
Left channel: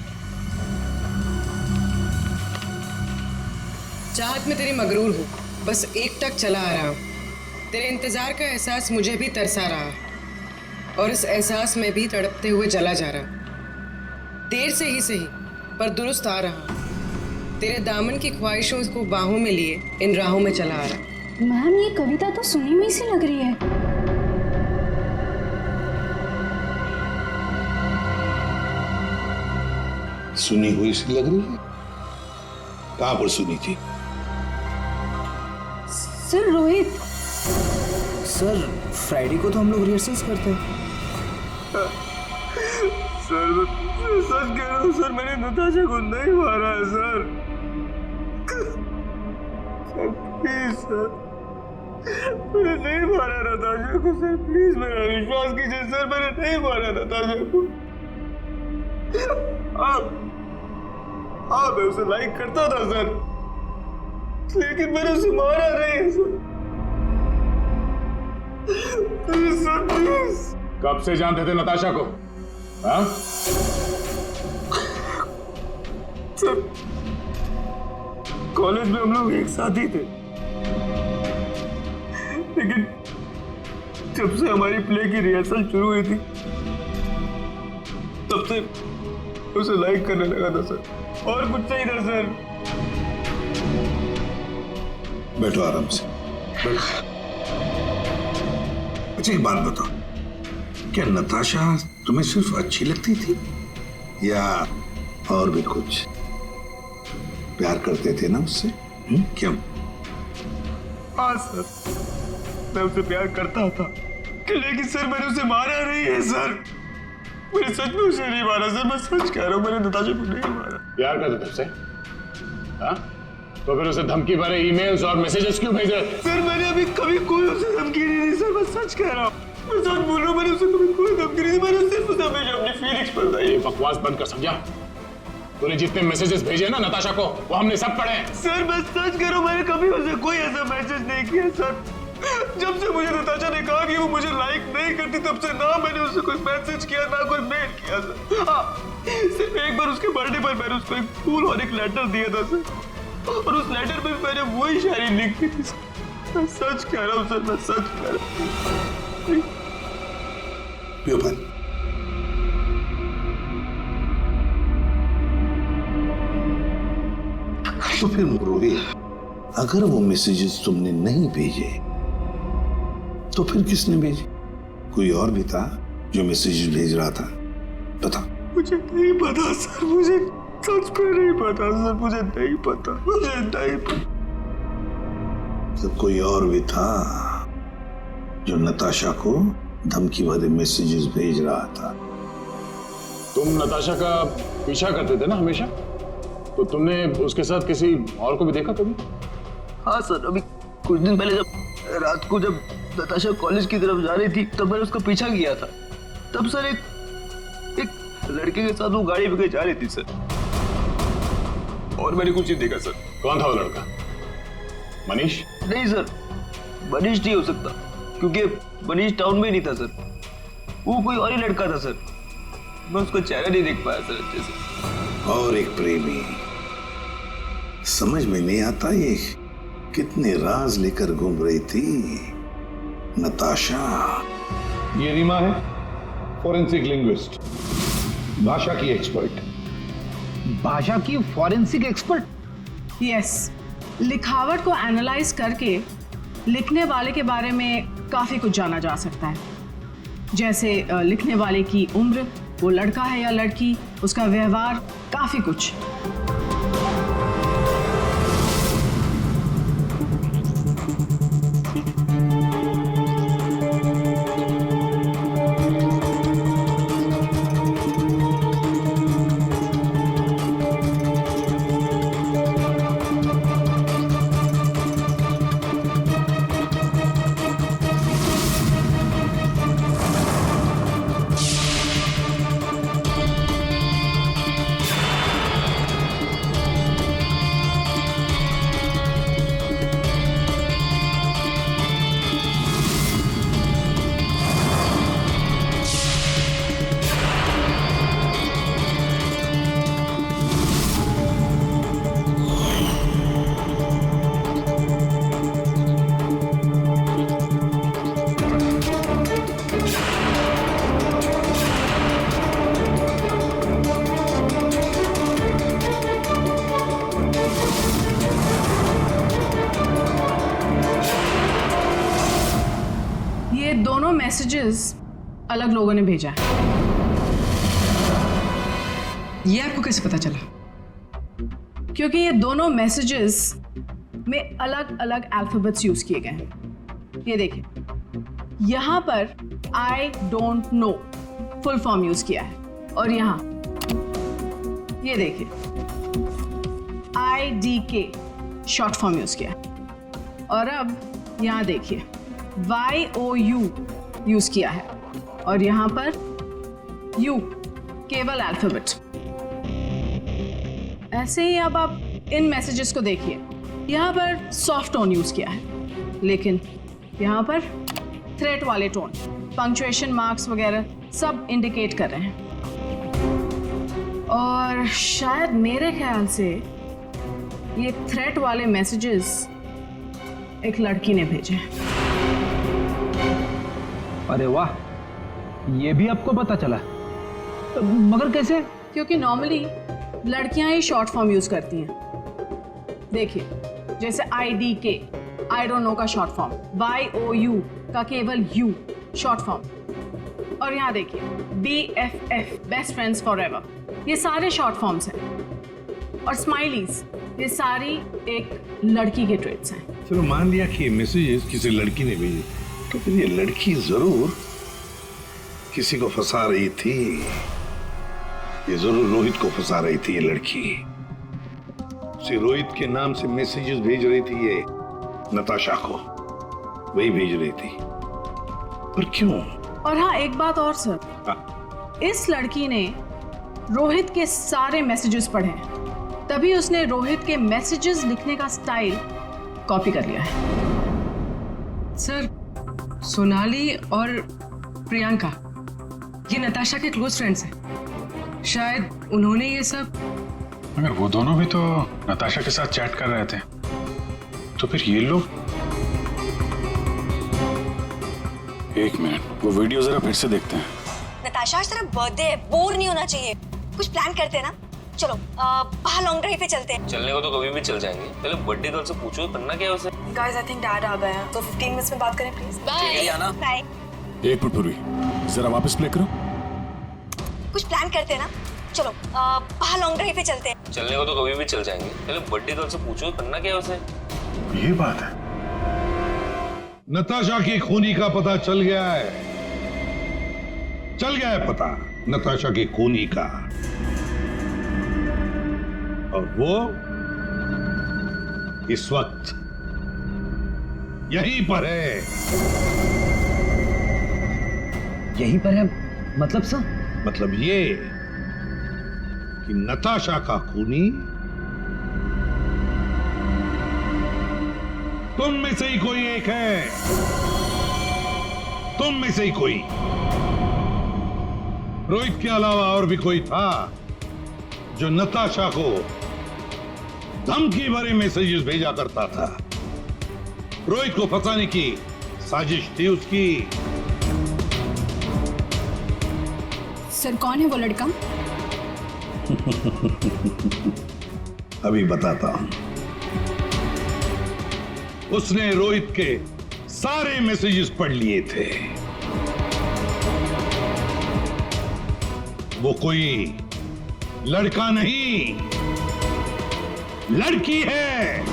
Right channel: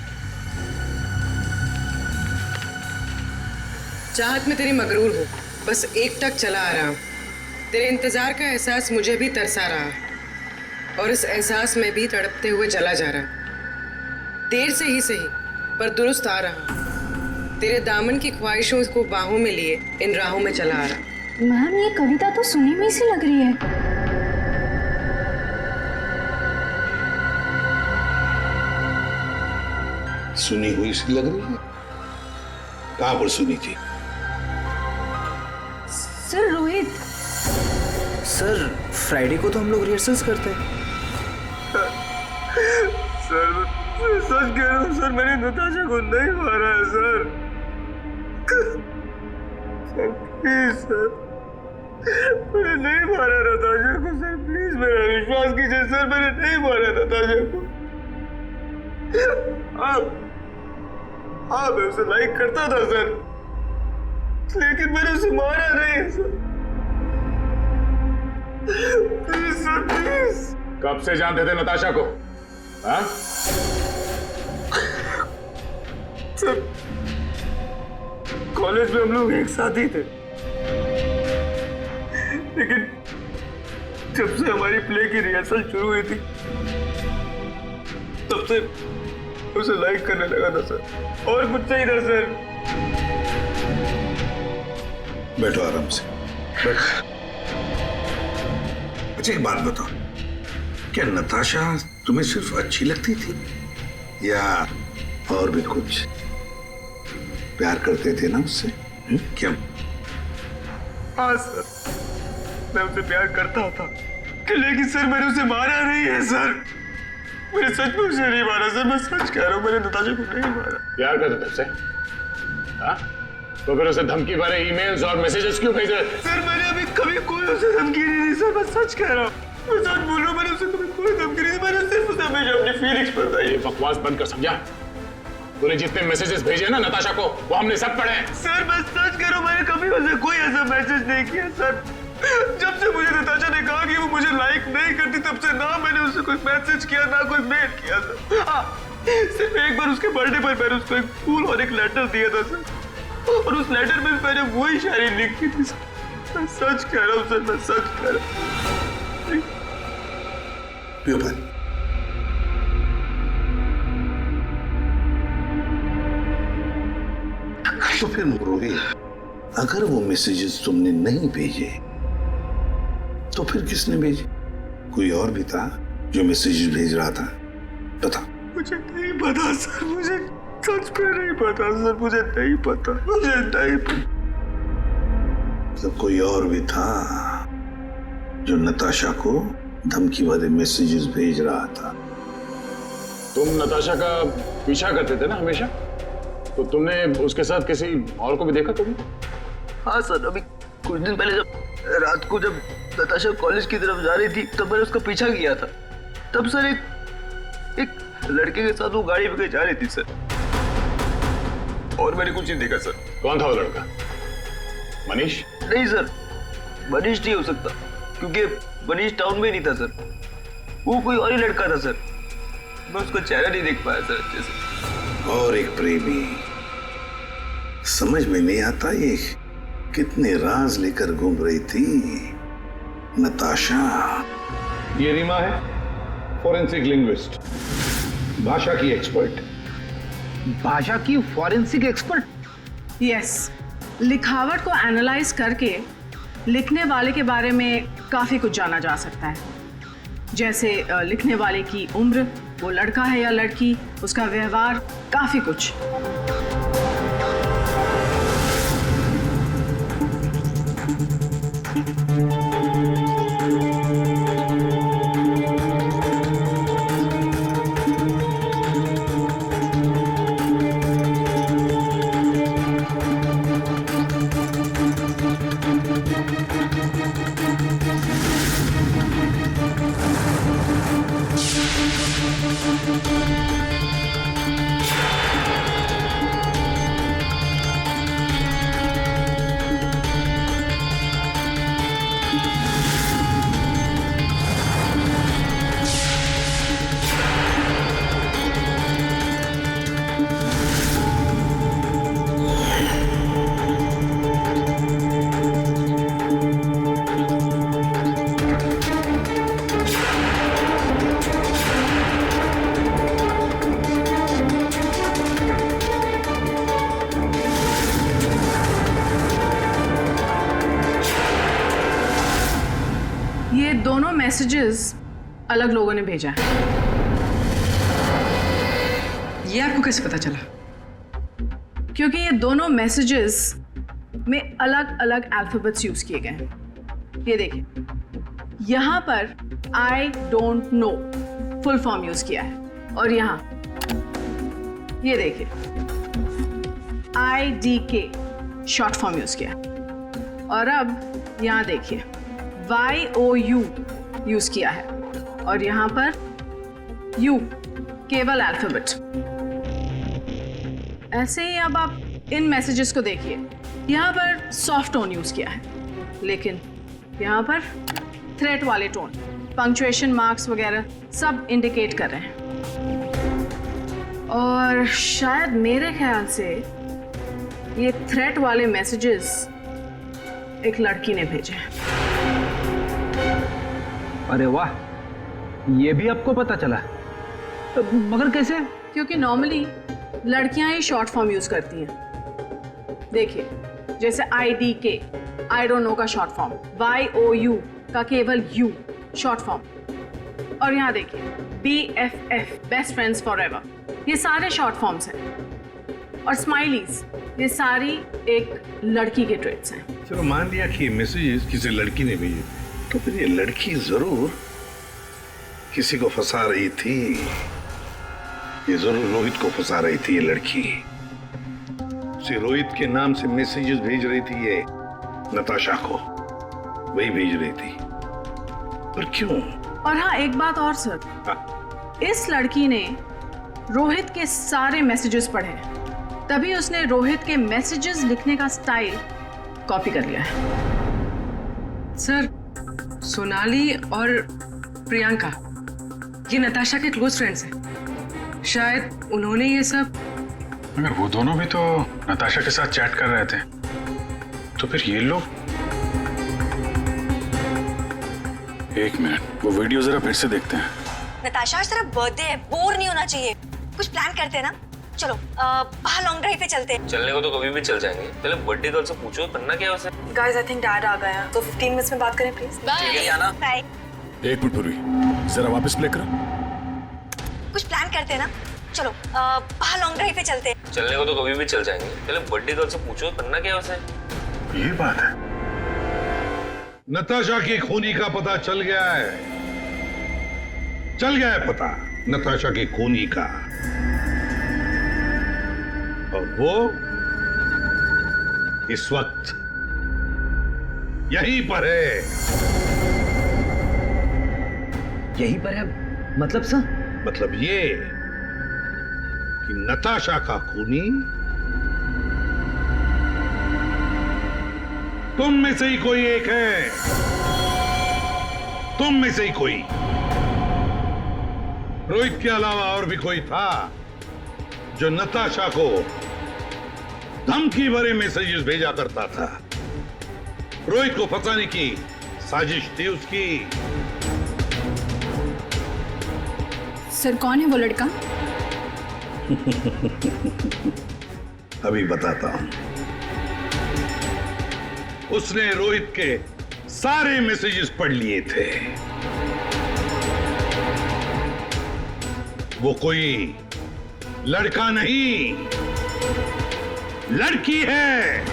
चाहत में तेरी मगरूर हो, बस एक टक चला आ रहा हूं। तेरे इंतजार का एहसास मुझे भी तरसा रहा और इस एहसास में भी तड़पते हुए चला जा रहा। देर से ही सही पर दुरुस्त आ रहा। तेरे दामन की ख्वाहिशों को बाहों में लिए इन राहों में चला आ रहा। मैम ये कविता तो सुनी हुई सी लग रही है। सुनी हुई सी लग रही है? कहां पर सुनी थी? सर रोहित। सर फ्राइडे को तो हम लोग रिहर्सल्स करते हैं। सर सच कह रहा हूँ सर, मैंने नताशा को नहीं मारा है सर। सर प्लीज सर, मैंने नहीं मारा नताशा को सर, प्लीज मेरा विश्वास कीजिए सर, मैंने नहीं मारा नताशा को। हाँ मैं उसे लाइक करता था सर, लेकिन मैंने उसे मारा नहीं है सर। Please sir please. कब से जानते थे नताशा को? हाँ? सर कॉलेज में हम लोग एक साथ ही थे, लेकिन जब से हमारी प्ले की रिहर्सल शुरू हुई थी तब से उसे लाइक करने लगा था सर, और कुछ नहीं था सर। बैठो आराम से, बैठो। अच्छा एक बात बताओ, क्या नताशा तुम्हें सिर्फ अच्छी लगती थी या और भी कुछ? प्यार करते थे ना उससे? क्यों? हाँ सर, मैं उसे प्यार करता था, लेकिन सर मैंने उसे मारा नहीं है सर। मैंने सच में उसे नहीं मारा सर, मैं सच कह रहा हूँ, मैंने नताशा को नहीं मारा। प्यार करते थे उससे? हाँ? तो फिर उसे धमकी भरे ईमेल्स और मैसेजेस क्यों भेजे? सर मैंने अभी कभी कोई उसे धमकी नहीं दी सर, मैं सच कह रहा हूँ, मैं सच बोल रहा हूँ, मैंने उसे कभी कोई धमकी नहीं दी, मैंने सिर्फ उसे हमेशा अपनी फीलिंग्स बताई। ये बकवास बंद कर, समझा? तूने जितने मैसेजेस भेजे ना नताशा को, वो हमने सब पढ़े हैं। सर मैं सच कह रहा हूँ, मैंने कभी उसे कोई ऐसा मैसेज नहीं किया सर। जब से मुझे नताशा ने कहा कि वो मुझे लाइक नहीं करती, तब से ना मैंने उसे कोई मैसेज किया ना कोई मेल किया सर। हाँ, सिर्फ एक बार उसके बर्थडे पर मैंने उसको एक फूल और एक लेटर दिया था सर, और उस लेटर में मैंने वही शायरी लिखी थी सर। मैं सच कह रहा हूँ सर, मैं सच कह रहा हूँ। पियो पानी। तो फिर रोहित, अगर वो मैसेजेस तुमने नहीं भेजे तो फिर किसने भेजे? कोई और भी था जो मैसेजेस भेज रहा था? बता। मुझे नहीं पता सर, मुझे सच में नहीं पता सर, मुझे नहीं पता, मुझे नहीं पता। तो कोई और भी था जो नताशा को धमकी भरे मैसेजेस भेज रहा था? तुम नताशा का पीछा करते थे ना हमेशा, तो तुमने उसके साथ किसी और को भी देखा कभी? हाँ सर, अभी कुछ दिन पहले जब रात को जब नताशा कॉलेज की तरफ जा रही थी तब मैंने उसका पीछा किया था। तब सर एक लड़के के साथ वो गाड़ी पे जा रही थी सर, और मैंने कुछ नहीं देखा सर। कौन था वो लड़का? मनीष? नहीं सर, मनीष नहीं हो सकता, क्योंकि मनीष टाउन में ही नहीं था सर, वो कोई और ही लड़का था सर। मैं उसका चेहरा नहीं देख पाया सर अच्छे से। और एक प्रेमी, समझ में नहीं आता ये कितने राज लेकर घूम रही थी नताशा। ये रीमा है, फॉरेंसिक लिंग्विस्ट, भाषा की एक्सपर्ट। भाषा की फॉरेंसिक एक्सपर्ट? यस, लिखावट को एनालाइज करके लिखने वाले के बारे में काफी कुछ जाना जा सकता है, जैसे लिखने वाले की उम्र, वो लड़का है या लड़की, उसका व्यवहार, काफी कुछ। ये दोनों मैसेजेस अलग लोगों ने भेजा है। ये आपको कैसे पता चला? क्योंकि ये दोनों मैसेजेस में अलग अलग अल्फाबेट्स यूज किए गए हैं। ये देखिए, यहां पर I don't know full form use किया है, और यहां ये देखिए IDK शॉर्ट फॉर्म यूज किया है, और अब यहां देखिए YOU यूज किया है, और यहां पर U केवल अल्फाबेट। ऐसे ही अब आप इन मैसेजेस को देखिए, यहां पर सॉफ्ट टोन यूज किया है, लेकिन यहां पर थ्रेट वाले टोन, पंक्चुएशन मार्क्स वगैरह सब इंडिकेट कर रहे हैं। और शायद मेरे ख्याल से ये थ्रेट वाले मैसेजेस एक लड़की ने भेजे हैं। अरे वाह, ये भी आपको पता चला? मगर कैसे? क्योंकि नॉर्मली लड़कियां ही शॉर्ट फॉर्म यूज करती हैं। देखिए, जैसे IDK आई डोंट नो का शॉर्ट फॉर्म, YOU का केवल U शॉर्ट फॉर्म, और यहां देखिए BFF बेस्ट फ्रेंड्स फॉरएवर, ये सारे शॉर्ट फॉर्म्स हैं। और स्माइलीज, ये सारी एक लड़की के ट्रेट्स हैं। चलो मान लिया कि ये मैसेजेस किसी लड़की ने भेजे, तो फिर ये लड़की जरूर किसी को फंसा रही थी। ये जरूर रोहित को फंसा रही थी ये लड़की। उसे रोहित के नाम से मैसेजेस भेज रही थी ये नताशा को, वही भेज रही थी। पर क्यों? और हाँ, एक बात और सर, इस लड़की ने रोहित के सारे मैसेजेस पढ़े, तभी उसने रोहित के मैसेजेस लिखने का स्टाइल कॉपी कर लिया है। सर, सोनाली और प्रियंका ये नताशा के क्लोज फ्रेंड्स हैं, शायद उन्होंने ये सब। मगर वो दोनों भी तो नताशा के साथ चैट कर रहे थे, तो फिर ये लोग। एक मिनट, वो वीडियो जरा फिर से देखते हैं। नताशा, आज तेरा बर्थडे है, बोर नहीं होना चाहिए, कुछ प्लान करते हैं ना। चलो बाहर लॉन्ग ड्राइव पे चलते हैं। चलने को तो कभी भी चल जाएंगे, पहले बर्थडे गर्ल से पूछो करना क्या है उसे। गाइस, आई थिंक डैड आ गए हैं, तो 15 मिनट्स में बात करें प्लीज। Bye bye. एक मिनट पूर्वी, जरा वापस प्ले करो। कुछ प्लान करते हैं ना। चलो बाहर लॉन्ग ड्राइव पे चलते हैं। चलने को तो कभी भी चल जाएंगे, पहले बर्थडे गर्ल से पूछो करना क्या है उसे। ये बात है। नताशा की खूनी का पता चल गया है, चल गया है पता नताशा की खूनी का। और वो इस वक्त यहीं पर है। यहीं पर है मतलब सर? मतलब ये कि नताशा का खूनी तुम में से ही कोई एक है। तुम में से ही कोई। रोहित के अलावा और भी कोई था जो नताशा को धमकी भरे मैसेजेस भेजा करता था। रोहित को फंसाने की साजिश थी उसकी। सर कौन है वो लड़का? अभी बताता हूं। उसने रोहित के सारे मैसेजेस पढ़ लिए थे। वो कोई लड़का नहीं, लड़की है।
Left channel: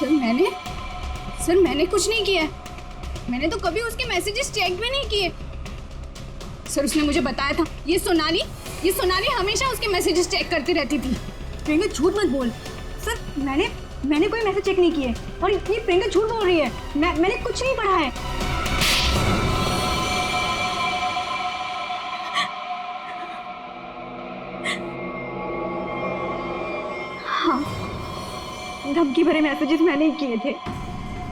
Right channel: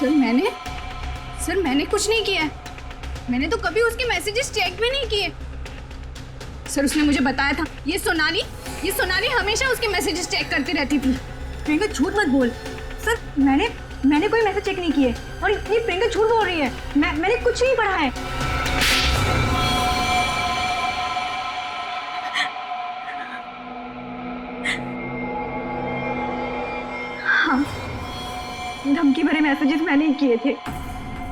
सर मैंने कुछ नहीं किया है। मैंने तो कभी उसके मैसेजेस चेक भी नहीं किए। सर उसने मुझे बताया था ये सोनाली हमेशा उसके मैसेजेस चेक करती रहती थी। प्रियंका झूठ मत बोल। सर मैंने कोई मैसेज चेक नहीं किए और ये प्रियंका झूठ बोल रही है। मैंने कुछ नहीं पढ़ा है। हाँ, धमकी भरे मैसेजेस मैंने ही किए थे,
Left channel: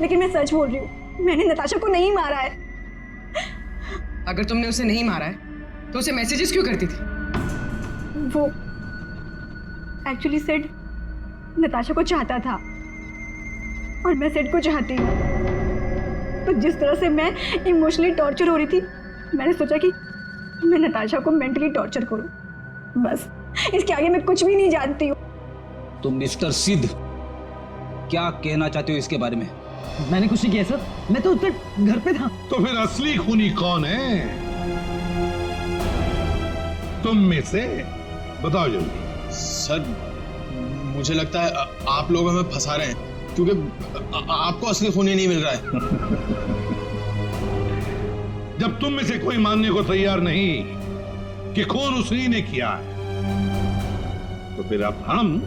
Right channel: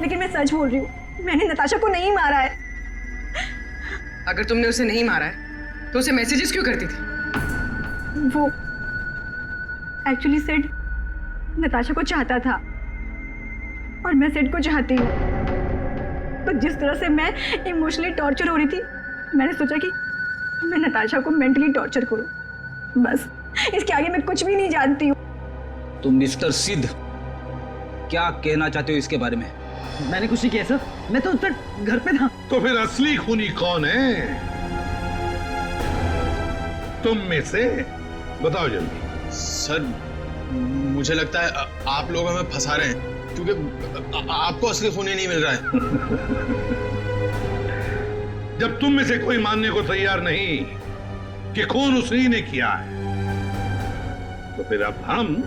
लेकिन मैं सच बोल रही हूँ, मैंने नताशा को नहीं मारा है। अगर तुमने उसे नहीं मारा है तो उसे मैसेजेस क्यों करती थी? वो एक्चुअली सेड नताशा को चाहता था और मैं सेड को चाहती हूँ। तो जिस तरह से मैं इमोशनली टॉर्चर हो रही थी, मैंने सोचा कि मैं नताशा को मेंटली टॉर्चर करूँ। बस इसके आगे मैं कुछ भी नहीं जानती हूँ। तुम मिस्टर सिद्ध क्या कहना चाहते हो इसके बारे में? मैंने कुछ नहीं किया सर, मैं तो उधर घर पे था। तो फिर असली खूनी कौन है? तुम में से बताओ जल्दी। सर मुझे लगता है आप लोग हमें फंसा रहे हैं, क्योंकि आपको असली खूनी नहीं मिल रहा है। जब तुम में से कोई मानने को तैयार नहीं कि खून उसी ने किया है, तो फिर अब हम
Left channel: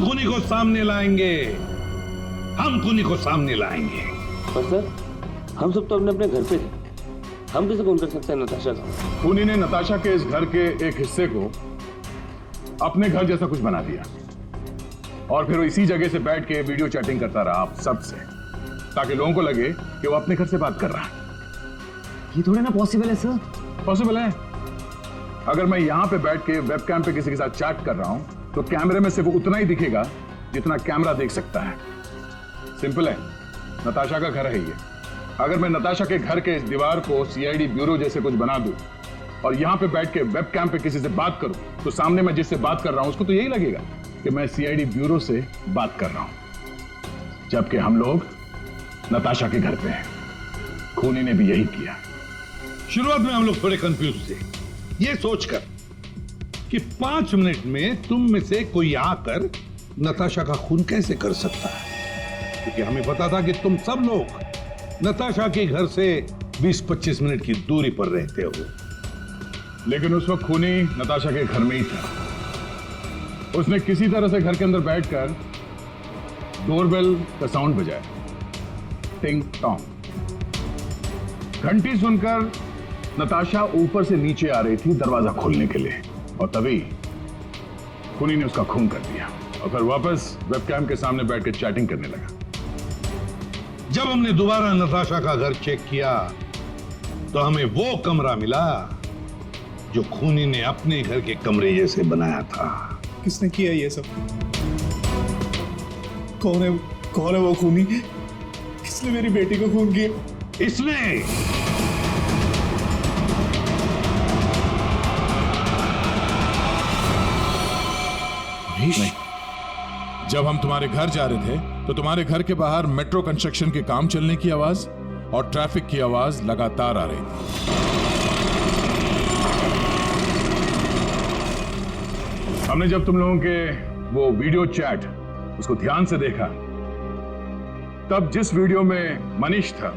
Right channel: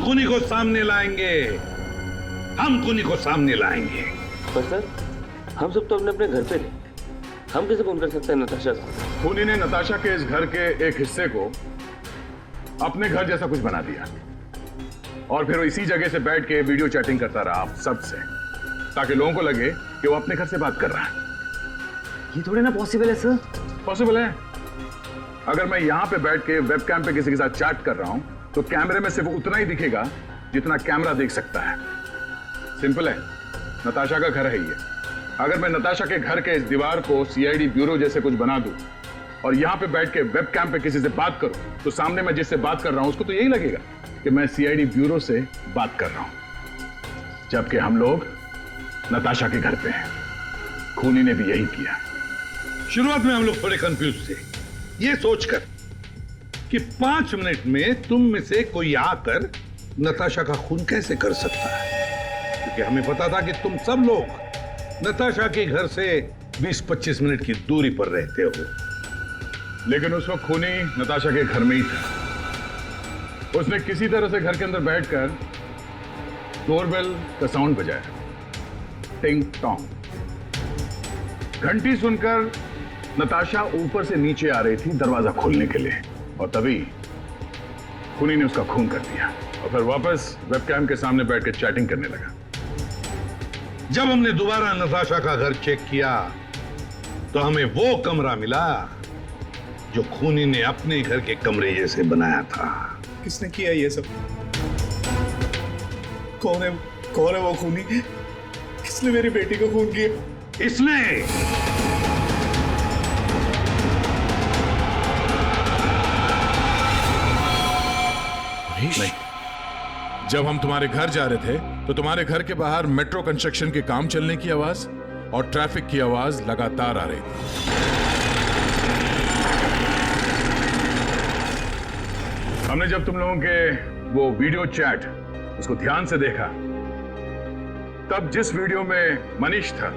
खूनी को सामने लाएंगे। हम खूनी को सामने लाएंगे। पर सर हम सब तो अपने अपने घर पे थे, हम कैसे खून कर सकते हैं नताशा का? खूनी ने नताशा के इस घर के एक हिस्से को अपने घर जैसा कुछ बना दिया और फिर वो इसी जगह से बैठ के वीडियो चैटिंग करता रहा आप सबसे, ताकि लोगों को लगे कि वो अपने घर से बात कर रहा है। ये थोड़े ना पॉसिबल है सर। पॉसिबल है। अगर मैं यहां पे बैठ के वेबकैम पे किसी के साथ चैट कर रहा हूं तो कैमरे में सिर्फ उतना ही दिखेगा जितना कैमरा देख सकता है। सिंपल है, नताशा का घर है ये। अगर मैं नताशा के घर के इस दीवार को सीआईडी ब्यूरो जैसे कुछ बना दूं और यहां पे बैठ के वेबकैम पे किसी से बात करूं, तो सामने मैं जिससे बात कर रहा हूं उसको तो यही लगेगा कि मैं सीआईडी ब्यूरो से बात कर रहा हूं, जबकि हम लोग नताशा के घर पे हैं। खूनी ने भी यही किया। शुरुआत में हम लोग थोड़े कंफ्यूज थे, ये सोचकर कि 5 मिनट में तुम में से कोई आकर नताशा का खून कैसे कर सकता है, क्योंकि हमें पता था कि तुम सब लोग नताशा के घर से 20-25 मिनट की दूरी पर रहते हो। लेकिन उस वक्त खूनी नताशा के घर में ही था। उसने किसी तरह से घर के अंदर बैठकर डोरबेल का साउंड बजाया, टिंग टोंग। घंटी सुनकर नताशा ऊपर से नीचे आ रही थी दरवाजा खोलने के लिए, और तभी खूनी ने उसका खून कर दिया और फिर वापस वेबकैम के सामने बैठ के चैटिंग करने लगा। जब हमने दोबारा नताशा का घर चेक किया तो हमें वो कमरा मिला जो खूनी ने अपने घर के कमरे जैसे बनाया था। किसने किया ये सब? कौन है वो खूनी? किसने मेरी बेटी को खून किया? इसने। नहीं, जब हम तुम्हारे घर जा रहे थे तो तुम्हारे घर के बाहर मेट्रो कंस्ट्रक्शन के काम चलने की आवाज और ट्रैफिक की आवाज लगातार आ रही थी। हमने जब तुम लोगों के वो वीडियो चैट उसको ध्यान से देखा, तब जिस वीडियो में मनीष था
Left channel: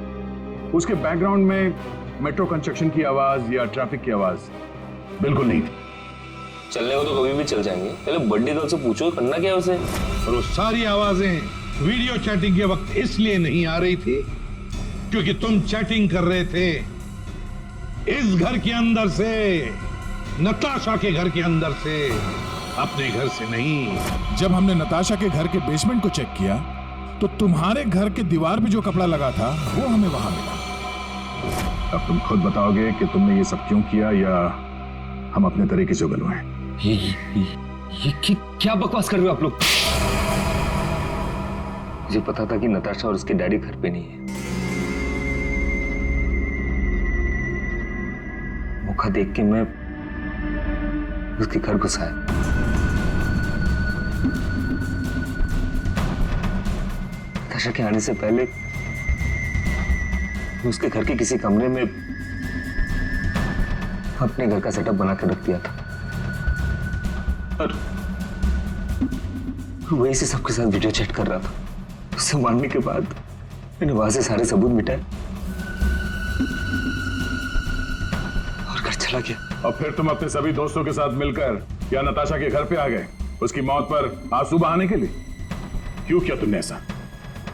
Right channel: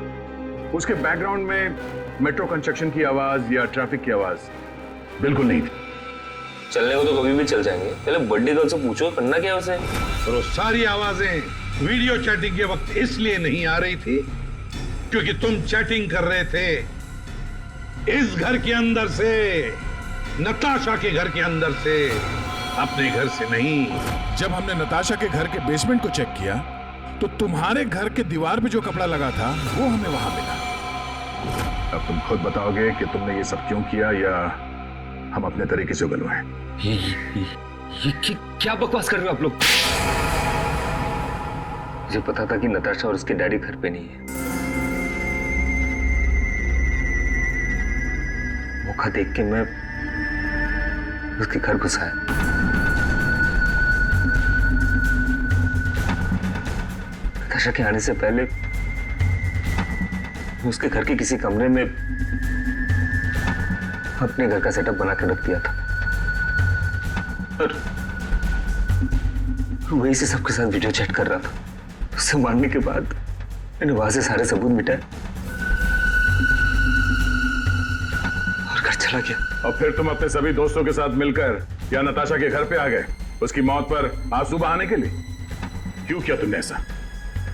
उसके बैकग्राउंड में मेट्रो कंस्ट्रक्शन की आवाज या ट्रैफिक की आवाज बिल्कुल नहीं थी। चलने को तो कभी भी चल जाएंगे, पहले बर्थडे गर्ल से पूछो करना क्या है उसे। और वो सारी आवाजें वीडियो चैटिंग के वक्त इसलिए नहीं आ रही थी क्योंकि तुम चैटिंग कर रहे थे इस घर के अंदर से, नताशा के घर के अंदर से, अपने घर से नहीं। जब हमने नताशा के घर के बेसमेंट को चेक किया तो तुम्हारे घर के दीवार पे जो कपड़ा लगा था वो हमें वहां मिला। अब तुम खुद बताओगे कि तुमने ये सब क्यों किया या हम अपने तरीके से उगलवाएं? ये क्या बकवास कर रहे हो आप लोग? मुझे पता था कि नताशा और उसके डैडी घर पे नहीं है। मौका देख के मैं उसके घर घुस आया। नताशा के आने से पहले मैं उसके घर के किसी कमरे में अपने घर का सेटअप बना के रख दिया था और वहीं से सबके साथ वीडियो चैट कर रहा था। उससे मारने के बाद मैंने वहां से सारे सबूत मिटाए और घर चला गया। और फिर तुम अपने सभी दोस्तों के साथ मिलकर या नताशा के घर पे आ गए उसकी मौत पर आंसू बहाने के लिए। क्यों किया तुमने ऐसा?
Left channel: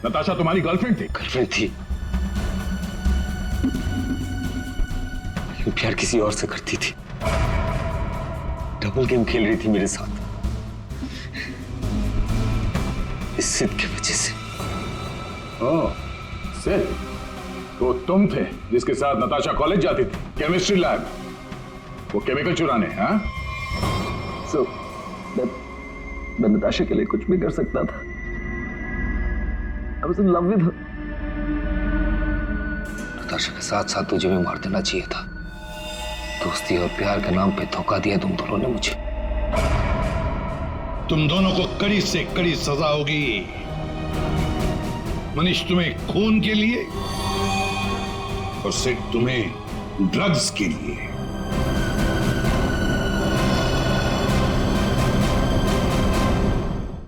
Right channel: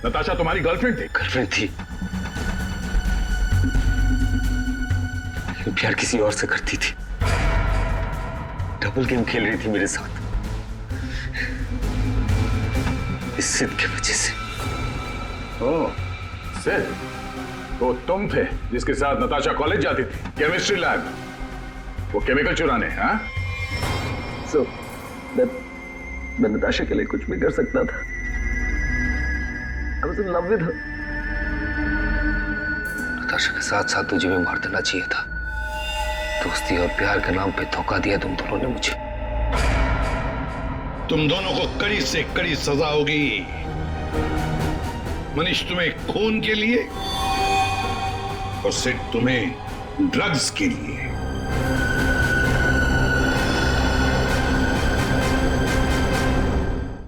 नताशा तुम्हारी गर्लफ्रेंड थी। गर्लफ्रेंड थी, लेकिन प्यार किसी और से करती थी। डबल गेम खेल रही थी मेरे साथ, इस सिद्ध के वजह से। ओह, सिद्ध? तो तुम थे जिसके साथ नताशा कॉलेज जाती थी, केमिस्ट्री लैब, वो केमिकल चुराने? हाँ? So, मैं नताशा के लिए कुछ भी कर सकता था। I was in love with her. Natasha के साथ साथ तुझे भी मार देना चाहिए था। दोस्ती और प्यार के नाम पे धोखा दिया तुम दोनों ने मुझे। तुम दोनों को कड़ी से कड़ी सजा होगी। मनीष तुम्हें खून के लिए और सिड तुम्हें ड्रग्स के लिए।